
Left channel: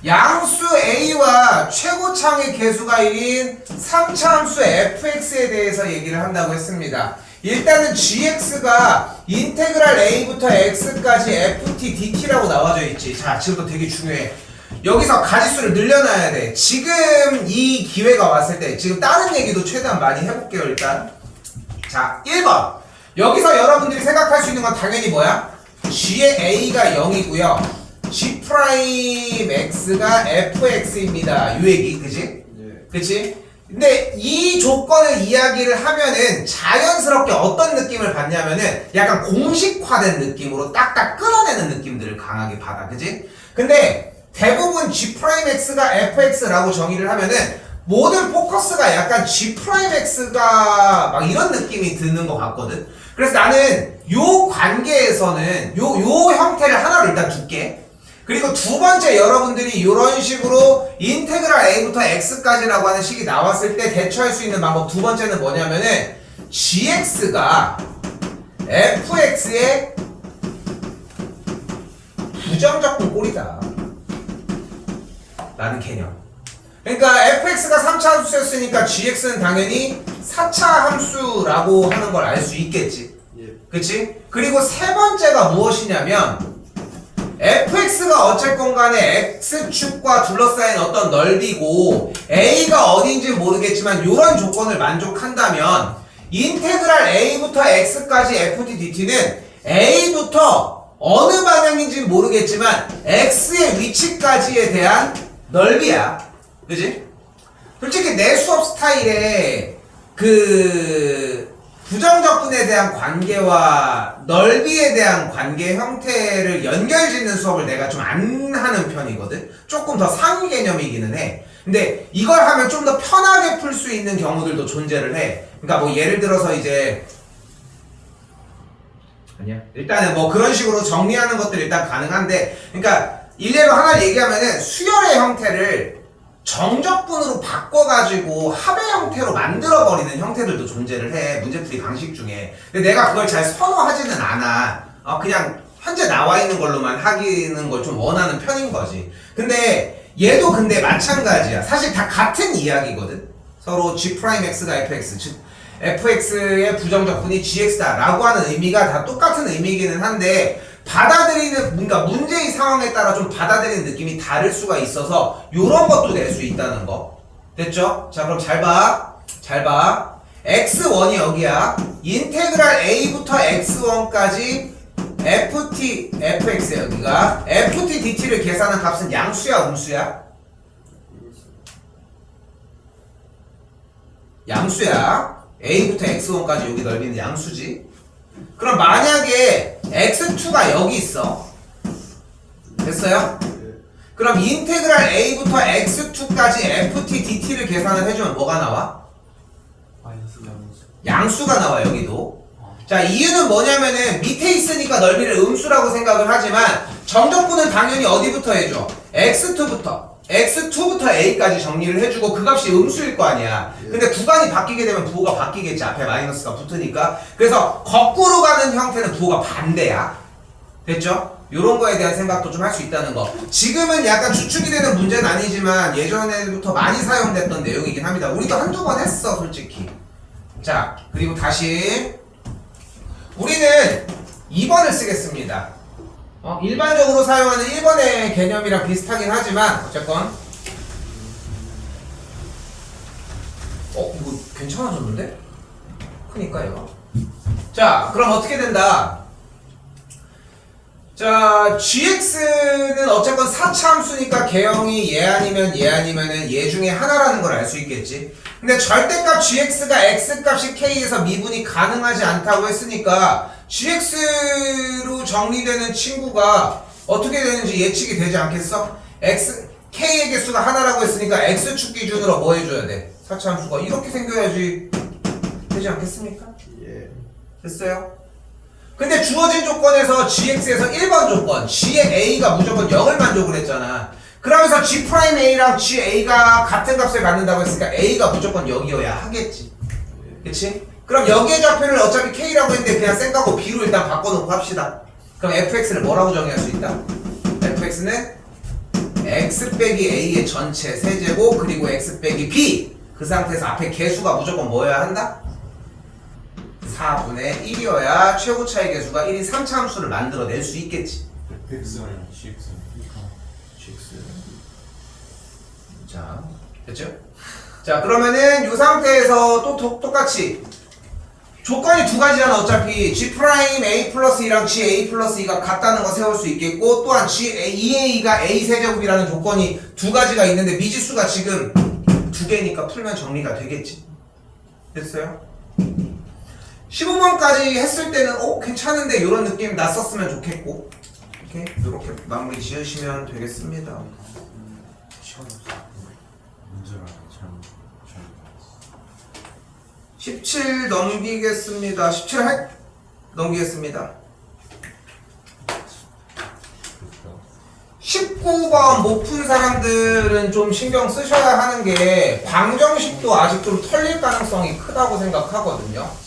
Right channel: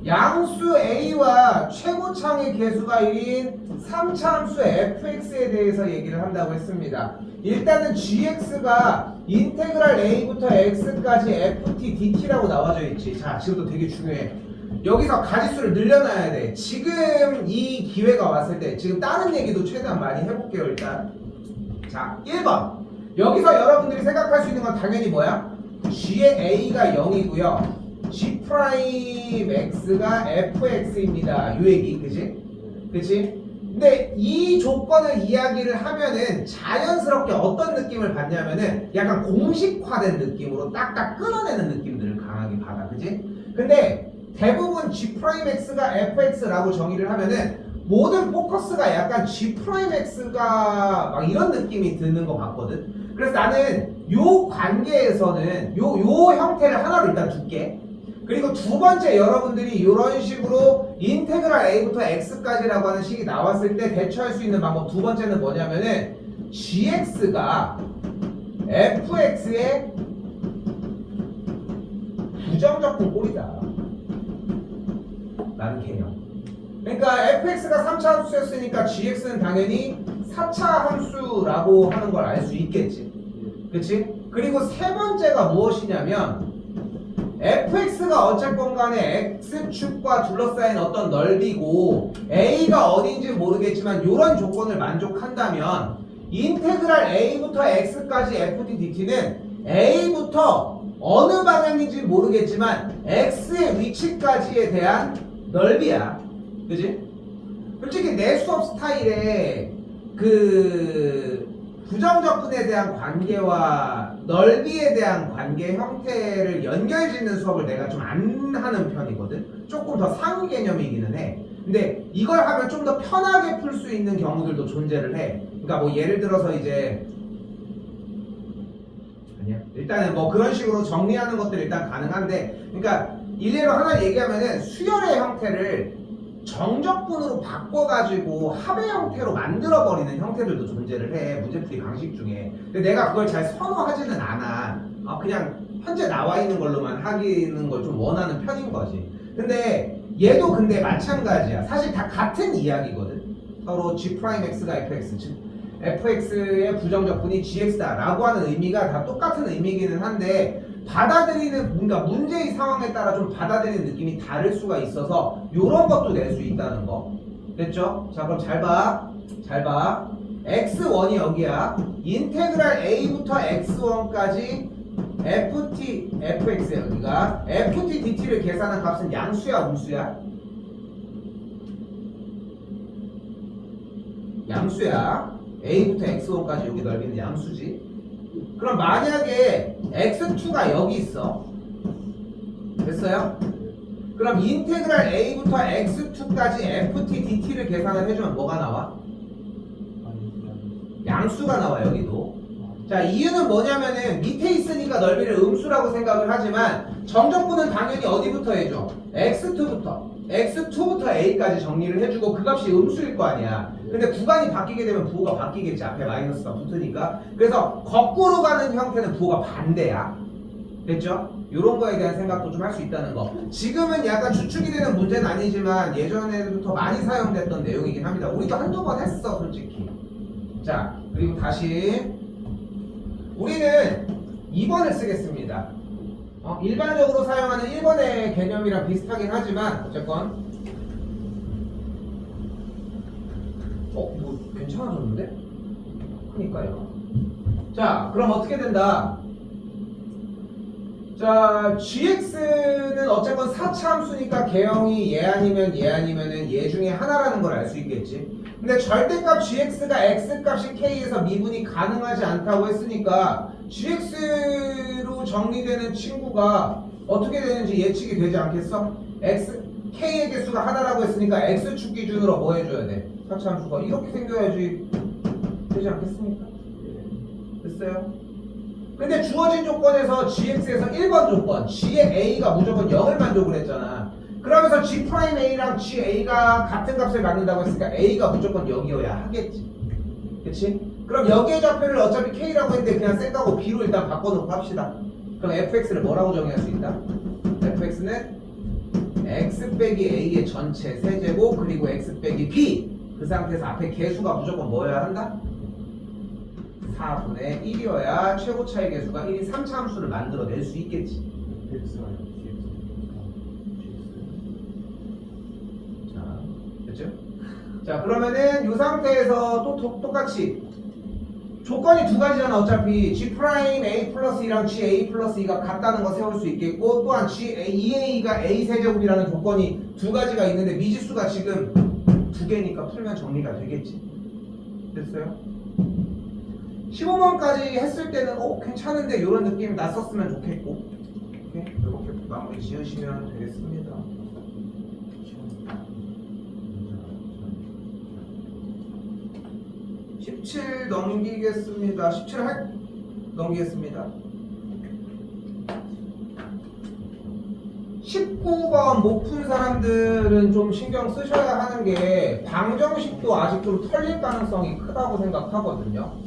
양수 A와 최고창의 개수가 1인 3차 함수 fx에 대해서 얘기를 한다고 했습니다. 일단은 gx가 인테그랄 a부터 x까지 ft dt라고 나와져 있지. 자, 지금도 되게 중요해. 여기서 가지수를 늘려놔야 돼. 지금 이 기회가 왔을 때 지금 다른 얘기도 최대한 많이 해볼게요. 일단 자, 1번 여기서 여러분들이 생각할 수 있는 건 당연히 뭐야? g의 a가 0이고요 g'x가 fx입니다. 요 얘기, 그치? 그치? 근데 이 조건을 이야기를 하면은 자연스럽게 어떤 느낌을 받냐면은 약간 공식화된 느낌으로 딱딱 끊어내는 느낌들을 강하게 받아, 그치? 근데 대부분 g'x가 fx라고 정의를 하면은 모든 포커스가 약간 g'x가 막 이런 느낌이 드는 것 같거든? 그래서 나는 요 관계에서는 요 형태를 하나로 일단 둘게. 그리고 두 번째 여러분들이 이런 식으로 인테그랄 a부터 x까지라고 하는 식이 나왔을 때 대처할 수 있는 방법 두 번째는 뭐냐면은 gx가 fx의 부정적분 꼴이다 라는 개념. 그러니까 fx가 3차 함수였으니까 gx는 당연히 4차 함수라고 하는 걸 알 수 있겠지. 그치? 그리고 세 번째가 무엇이냐면 fx가 어쨌건 간에 x축과 둘러싸인 어떤 넓이고 a가 어딘지 모르겠지만 이런 조건을 만족한다면 인테그랄 a부터 x까지 ft dt는 a부터 어느 방향인지 모르겠지만 x의 위치까지에 대한 넓이야. 그지? 솔직히 내 수업 스타일에 그 부정적분에 대한 관계와 넓이에 대한 관계 형태를 연결짓는 수업을 내가 좀 안 하는 편이거든. 조금 더 상위 개념이기는 해. 근데 이걸 하면 좀 더 편하게 풀 수 있는 경우들도 존재를 해. 그러니까 뭐 예를 들어서 이제 아니야. 일단은 뭐 그런 식으로 정리하는 것들이 일단 가능한데, 그러니까 일례로 하나 얘기하면은 수열의 형태를 정적분으로 바꿔가지고 합의 형태로 만들어버리는 형태들도 존재를 해. 문제풀이 방식 중에. 근데 내가 그걸 잘 선호하지는 않아. 그냥 현재 나와 있는 걸로만 하기는 걸 좀 원하는 편인 거지. 근데 얘도 근데 마찬가지야. 사실 다 같은 이야기거든. 서로 g'x가 fx, 즉 fx의 부정적분이 gx다 라고 하는 의미가 다 똑같은 의미이기는 한데 받아들이는 뭔가 문제의 상황에 따라 좀 받아들이는 느낌이 다를 수가 있어서 요런 것도 낼 수 있다는 거. 됐죠? 자, 그럼 잘 봐. 잘 봐. x1이 여기야. 인테그랄 a부터 x1까지 fx 여기가 ft dt를 계산한 값은 양수야, 음수야? 양수야. a부터 x1까지 여기 넓이는 양수지. 그럼 만약에 x2가 여기 있어. 됐어요? 그럼 인테그랄 a부터 x2까지 ft dt를 계산을 해주면 뭐가 나와? 양수가 나와, 여기도. 자, 이유는 뭐냐면은 밑에 있으니까 넓이를 음수라고 생각을 하지만 정적분은 당연히 어디부터 해줘? x2부터 a까지 정리를 해주고 그 값이 음수일 거 아니야. 근데 구간이 바뀌게 되면 부호가 바뀌겠지. 앞에 마이너스가 붙으니까. 그래서 거꾸로 가는 형태는 부호가 반대야. 됐죠? 요런 거에 대한 생각도 좀 할 수 있다는 거. 지금은 약간 주축이 되는 문제는 아니지만 예전에부터 많이 사용됐던 내용이긴 합니다. 우리도 한두 번 했어, 솔직히. 자, 그리고 다시 우리는 2번을 쓰겠습니다. 일반적으로 사용하는 1번의 개념이랑 비슷하긴 하지만 어쨌건 이거 괜찮아졌는데? 그니까요. 자, 그럼 어떻게 된다? 자, gx는 어쨌건 4차 함수니까 개형이 얘 아니면 얘 중에 하나라는 걸 알 수 있겠지. 근데 절대값 gx가 x값이 k에서 미분이 가능하지 않다고 했으니까 gx로 정리되는 친구가 어떻게 되는지 예측이 되지 않겠어? k의 개수가 하나라고 했으니까 x축 기준으로 뭐 해줘야 돼? 4차 함수가 이렇게 생겨야지 되지 않겠습니까? 예. 됐어요? 근데 주어진 조건에서 gx에서 1번 조건 g의 a가 무조건 0을 만족을 했잖아. 그러면서 G'A랑 GA가 같은 값을 갖는다고 했으니까 A가 무조건 0이어야 하겠지. 그치? 그럼 여기의 좌표를 어차피 K라고 했는데 그냥 생각하고 B로 일단 바꿔놓고 합시다. 그럼 fx를 뭐라고 정의할 수 있다? fx는 x 빼기 a의 전체 세제곱 그리고 x 빼기 b. 그 상태에서 앞에 개수가 무조건 뭐여야 한다? 4분의 1이어야 최고 차이 개수가 1인 3차 함수를 만들어낼 수 있겠지. FX가 아니라 GX. 자, 됐죠? 자, 그러면은 이 상태에서 또 똑같이 조건이 두 가지잖아. 어차피 G' A 플러스 2랑 G A 플러스 2가 같다는 거 세울 수 있겠고, 또한 G EA가 A 세제곱이라는 조건이 두 가지가 있는데 미지수가 지금 두 개니까 풀면 정리가 되겠지. 됐어요? 15번까지 했을 때는 괜찮은데 이런 느낌 났었으면 좋겠고, 오케이? 이렇게 마무리 지으시면 되겠습니다. 시간 없어. 문제가 참. 17 넘기겠습니다. 17 넘기겠습니다. 19번 못 푼 사람들은 좀 신경 쓰셔야 하는 게 방정식도 아직 좀 털릴 가능성이 크다고 생각하거든요.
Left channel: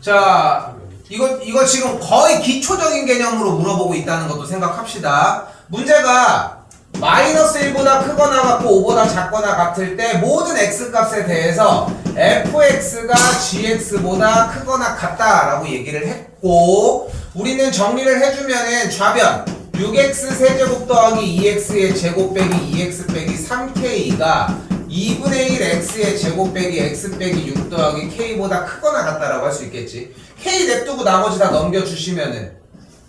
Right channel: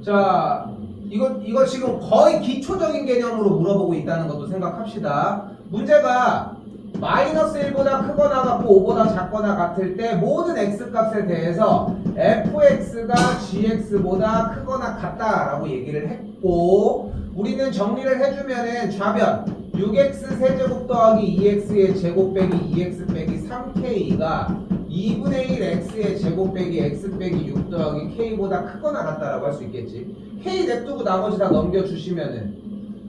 자, 이거 지금 거의 기초적인 개념으로 물어보고 있다는 것도 생각합시다. 문제가 마이너스 1보다 크거나 같고 5보다 작거나 같을 때 모든 x값에 대해서 fx가 gx보다 크거나 같다라고 얘기를 했고, 우리는 정리를 해주면은 좌변 6x 세제곱 더하기 2x의 제곱 빼기 2x 빼기 3k가 2분의 1 x의 제곱 빼기 x 빼기 6 더하기 k보다 크거나 같다라고 할 수 있겠지. k 냅두고 나머지 다 넘겨주시면은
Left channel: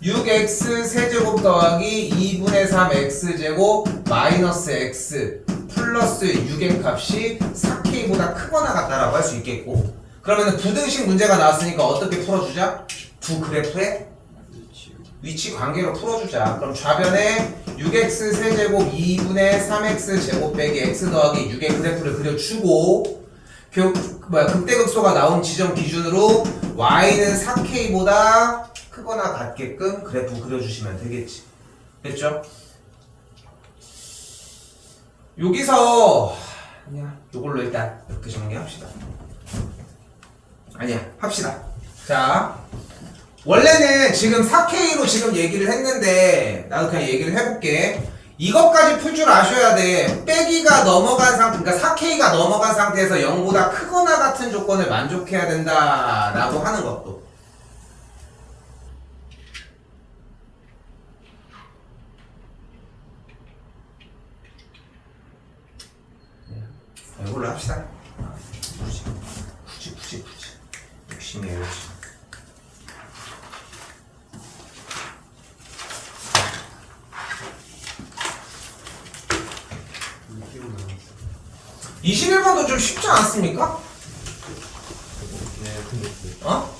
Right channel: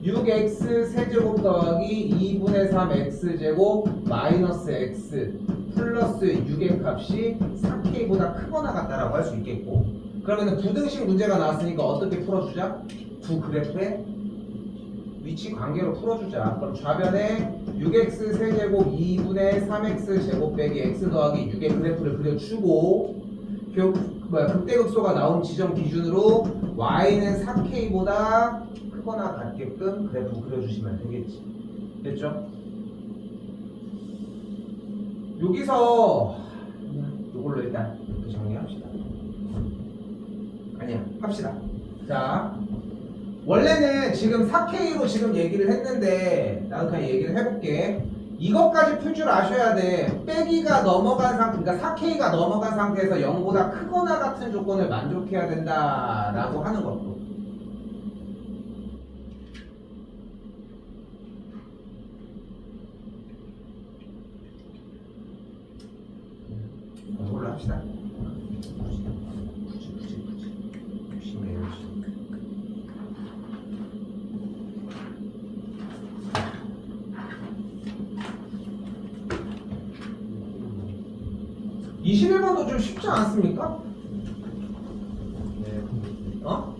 6x 세제곱 더하기 2분의 3 x제곱 마이너스 x 플러스 6의 값이 4k보다 크거나 같다라고 할 수 있겠고, 그러면은 부등식 문제가 나왔으니까 어떻게 풀어주자? 두 그래프의 위치 관계로 풀어주자. 그럼 좌변에 6x 세제곱 2분의 3x 제곱 빼기 x 더하기 6의 그래프를 그려주고, 극대극소가 나온 지점 기준으로 y는 4k보다 크거나 같게끔 그래프 그려주시면 되겠지. 됐죠? 여기서 이걸로 일단 이렇게 정리합시다. 아니야, 합시다. 자, 원래는 지금 4K로 지금 얘기를 했는데 나도 그냥 얘기를 해볼게. 이것까지 풀 줄 아셔야 돼. 빼기가 넘어간 상태, 그러니까 4K가 넘어간 상태에서 0보다 크거나 같은 조건을 만족해야 된다라고 하는 것도. 이걸로 합시다. 굳이 욕심이에요, 욕심. 네, 21번도 좀 쉽지 않습니까? 네, 근데 어?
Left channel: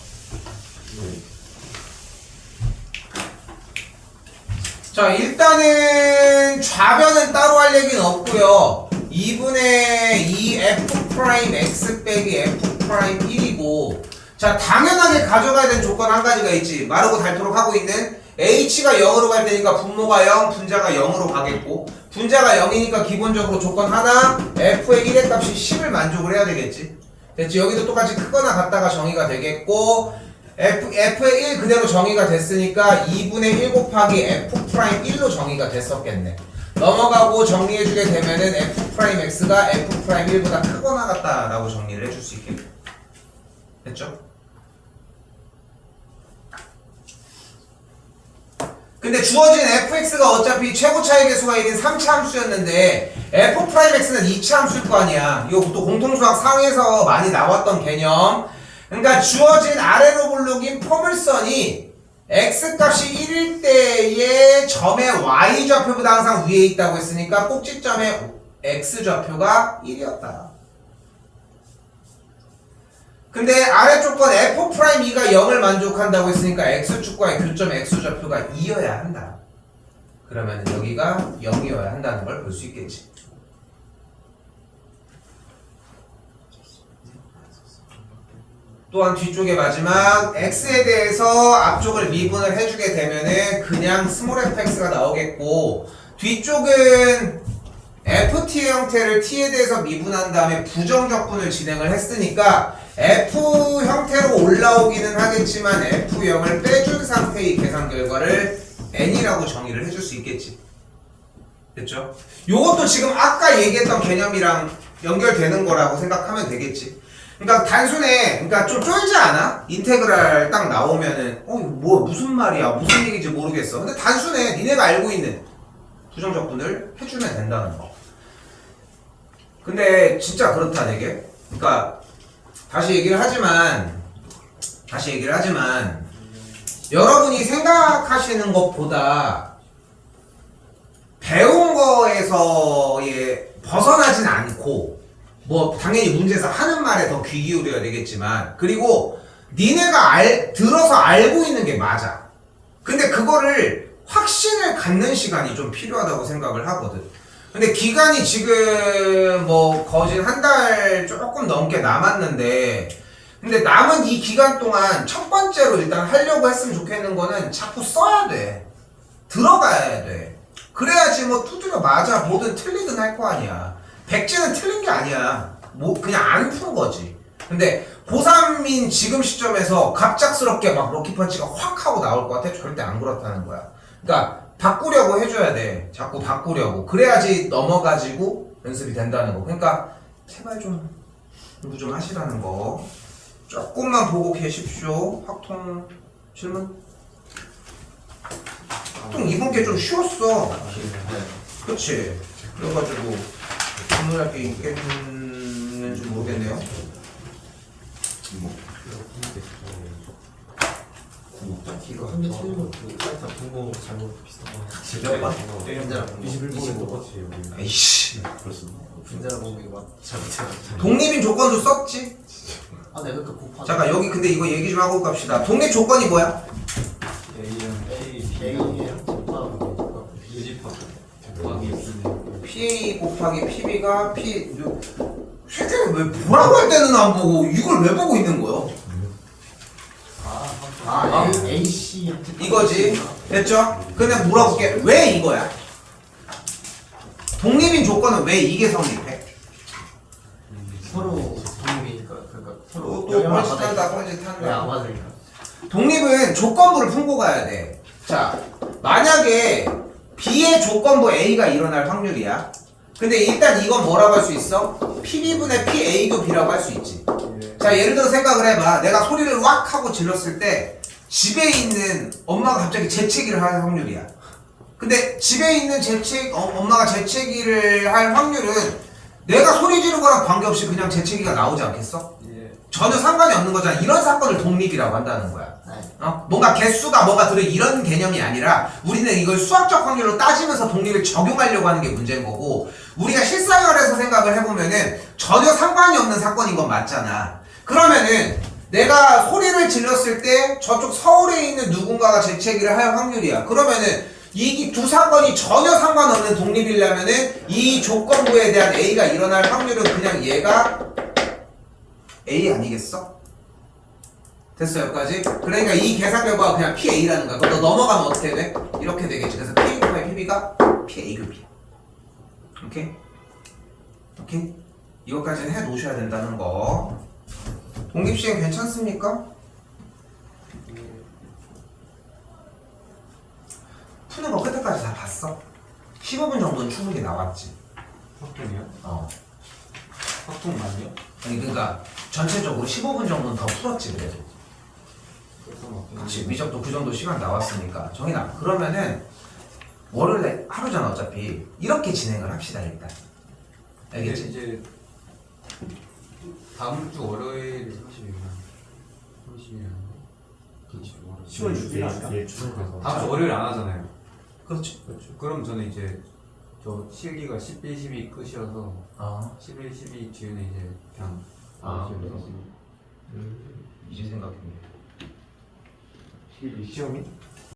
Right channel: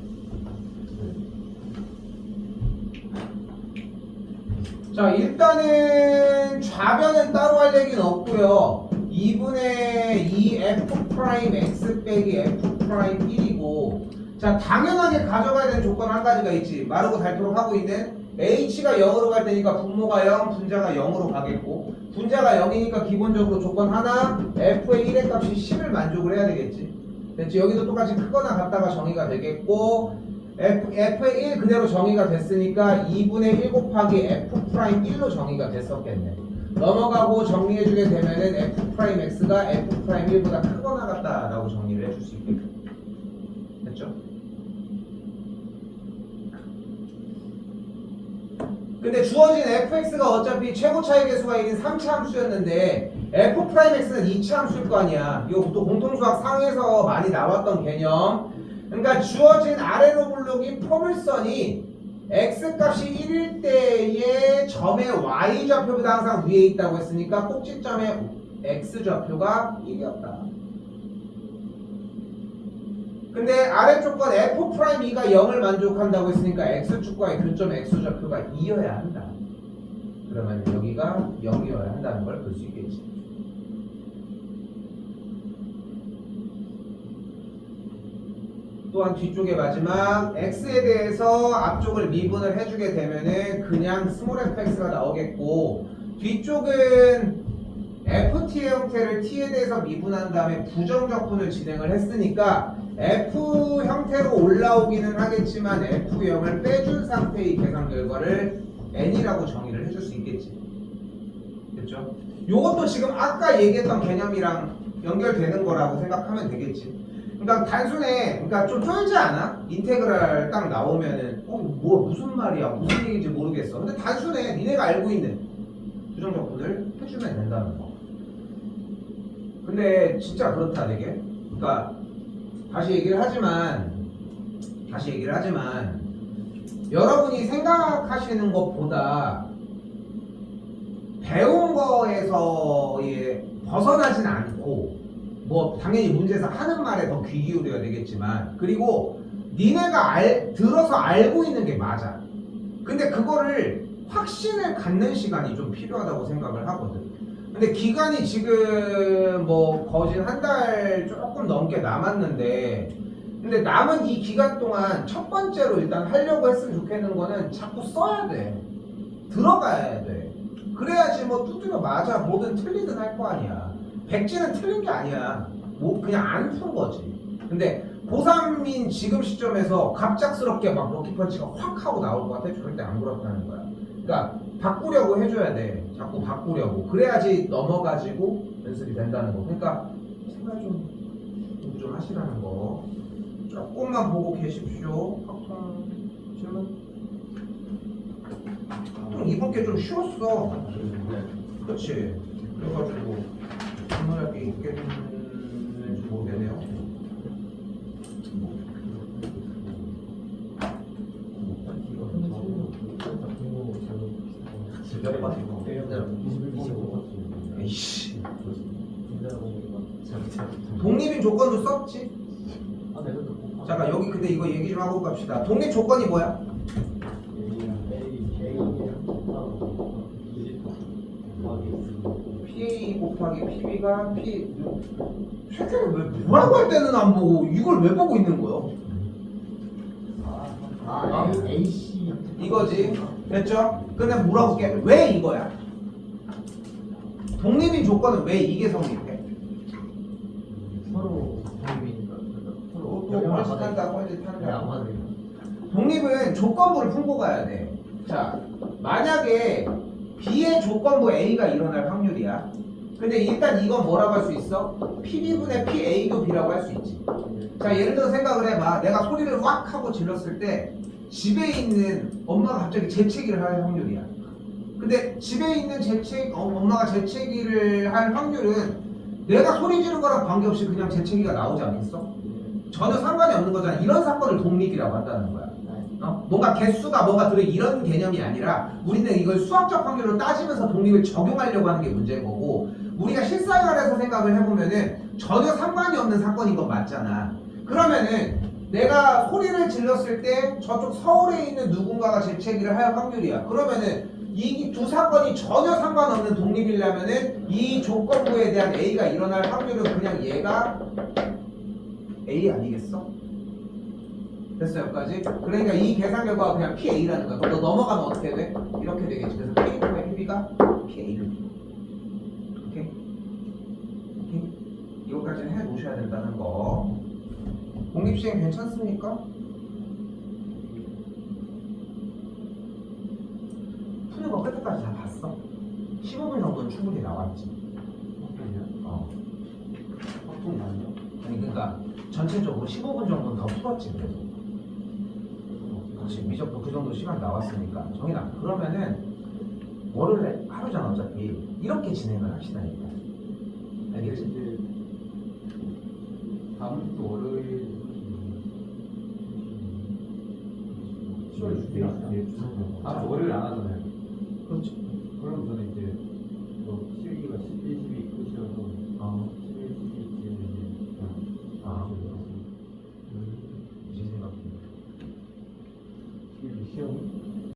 자, 일단은 좌변은 따로 할 얘기는 없고요. 2분의 2 f 프라임 x 빼기 f 프라임 1이고, 자, 당연하게 가져가야 되는 조건 한 가지가 있지. 마르고 닳도록 하고 있는 h가 0으로 갈 때니까 분모가 0, 분자가 0으로 가겠고, 분자가 0이니까 기본적으로 조건 하나, f의 1의 값이 10을 만족을 해야 되겠지. 됐지? 여기도 똑같이 크거나 같다가 정의가 되겠고, f의 1 그대로 정의가 됐으니까 2분의 1 곱하기 f 프라임 1로 정의가 됐었겠네. 넘어가고 정리해주게 되면은 f 프라임 x가 f 프라임 1보다 크거나 같다라고 정리를 해줄 수 있겠고. 됐죠? 근데 주어진 fx가 어차피 최고 차이 개수가 1인 3차 함수였는데 f 프라임 x는 2차 함수일 거 아니야. 이거 또 공통수학 상에서 많이 나왔던 개념. 그러니까 주어진 아래로 굴르긴 포물선이 x값이 1일 때의 점의 y좌표보다 항상 위에 있다고 했으니까 꼭지점의 x좌표가 1이었다. 근데 아래쪽건 f'2가 0을 만족한다고 했으니까 x축과의 교점 x좌표가 2여야 한다. 그러면 여기가 0이어야 한다는 걸 볼 수 있겠지. 또한 뒤쪽의 마지막 x에 대해서 앞쪽을 미분을 해주게 되면은 그냥 스몰 fx가 나오겠고 뒤쪽은 ft 형태를 t에 대해서 미분한 다음에 부정적분을 진행을 했으니까 f 형태로 올라오기는 하겠지만 f0을 빼준 상태의 계산 결과를 n이라고 정의를 해줄 수 있겠지. 됐죠? 요것도 지금 아까 얘기했던 개념이랑 연결되는 거라고 생각하면 되겠지. 그러니까 단순해. 그러니까 좀 쫄지 않아? 인테그랄 딱 나오면은 이거 뭐 무슨 말이야? 무슨 얘기인지 모르겠어. 근데 단순해. 니네가 알고 있는 부정적분을 해주면 된다는 거. 근데 진짜 그렇다 되게. 그러니까 다시 얘기를 하지만 여러분이 생각하시는 것보다 배운 거에서의 벗어나진 않고 뭐 당연히 문제에서 하는 말에 더 귀 기울여야 되겠지만 그리고 니네가 들어서 알고 있는 게 맞아. 근데 그거를 확신을 갖는 시간이 좀 필요하다고 생각을 하거든. 근데 기간이 지금 뭐 거진 한 달 조금 넘게 남았는데 근데 남은 이 기간 동안 첫 번째로 일단 하려고 했으면 좋겠는 거는 자꾸 써야 돼. 들어가야 돼. 그래야지 뭐 두드려 맞아 뭐든 틀리든 할 거 아니야. 백지는 틀린 게 아니야. 뭐 그냥 안 푼 거지. 근데 고3인 지금 시점에서 갑작스럽게 막 럭키펀치가 확 하고 나올 것 같아? 절대 안 그렇다는 거야. 그러니까 바꾸려고 해줘야 돼. 자꾸 바꾸려고. 그래야지 넘어가지고 연습이 된다는 거. 그러니까 제발 좀 공부 좀 하시라는 거. 조금만 보고 계십시오. 확통 질문? 확통 이번 게 좀 쉬웠어. 그치? 그래가지고 질문할 게 있겠는지 모르겠네요. 이거 한개 틀리면 그 사이트 분모 잘못 비슷한 거. 분자랑 21번이 똑같이. 에이씨. 분자랑 공부 이거 잘못. 독립인 조건도 썼지? 아 내가 그 곱하기. 잠깐 여기 근데 이거 얘기 좀 하고 갑시다. 독립 조건이 뭐야? A랑 PA 곱하기 PB가 P 새끼는 왜 뭐라고 할 때는 안 보고 이걸 왜 보고 있는 거야? AC 이거지. 됐죠? 근데 물어볼게. 왜 이거야? 독립인 조건은 왜 이게 성립해? 서로 독립이니까 그러니까 서로 또 뻘짓한다 뻘짓한다. 왜안 맞으니까. 독립은 조건부를 품고 가야 돼. 자, 만약에 B의 조건부 A가 일어날 확률이야. 근데 일단 이건 뭐라고 할 수 있어? PB분의 PA도 B라고 할 수 있지. 자, 예를 들어 생각을 해봐. 내가 소리를 왁 하고 질렀을 때 집에 있는 엄마가 갑자기 재채기를 할 확률이야. 근데 집에 있는 엄마가 재채기를 할 확률은 내가 소리 지른 거랑 관계없이 그냥 재채기가 나오지 않겠어? 전혀 상관이 없는 거잖아. 이런 사건을 독립이라고 한다는 거야. 뭔가 개수가 뭔가 들어 이런 개념이 아니라 우리는 이걸 수학적 확률로 따지면서 독립을 적용하려고 하는 게 문제인 거고 우리가 실생활에서 생각을 해보면은 전혀 상관이 없는 사건인 건 맞잖아. 그러면은 내가 소리를 질렀을 때 저쪽 서울에 있는 누군가가 재채기를 할 확률이야. 그러면은 이 두 사건이 전혀 상관없는 독립이려면은 이 조건부에 대한 A가 일어날 확률은 그냥 얘가 A 아니겠어? 됐어 여기까지? 그러니까 이 계산 결과가 그냥 PA라는 거야. 그럼 너 넘어가면 어떻게 돼? 이렇게 되겠지. 그래서 PA급의 PB가 PA급이야. 오케이? 오케이? 이것까지는 해 놓으셔야 된다는 거. 독립시행 괜찮습니까? 푸는 거 끝까지 다 봤어? 15분 정도는 충분히 나왔지. 확통이요? 확통 많이요? 아니 그러니까 전체적으로 15분 정도는 더 풀었지 그래도. 그렇지. 미적도 그 정도 시간 나왔으니까. 정인아 그러면은 월요일에 하루잖아 어차피. 이렇게 진행을 합시다 일단. 알겠지? 이제 다음 주 월요일 10월 6일 다음 주 월요일 안 하잖아요. 그렇지. 그럼 저는 이제 저 실기가 11, 12 끝이어서 아 11, 12 뒤에는 이제 그냥 이제 생각해. 시험이?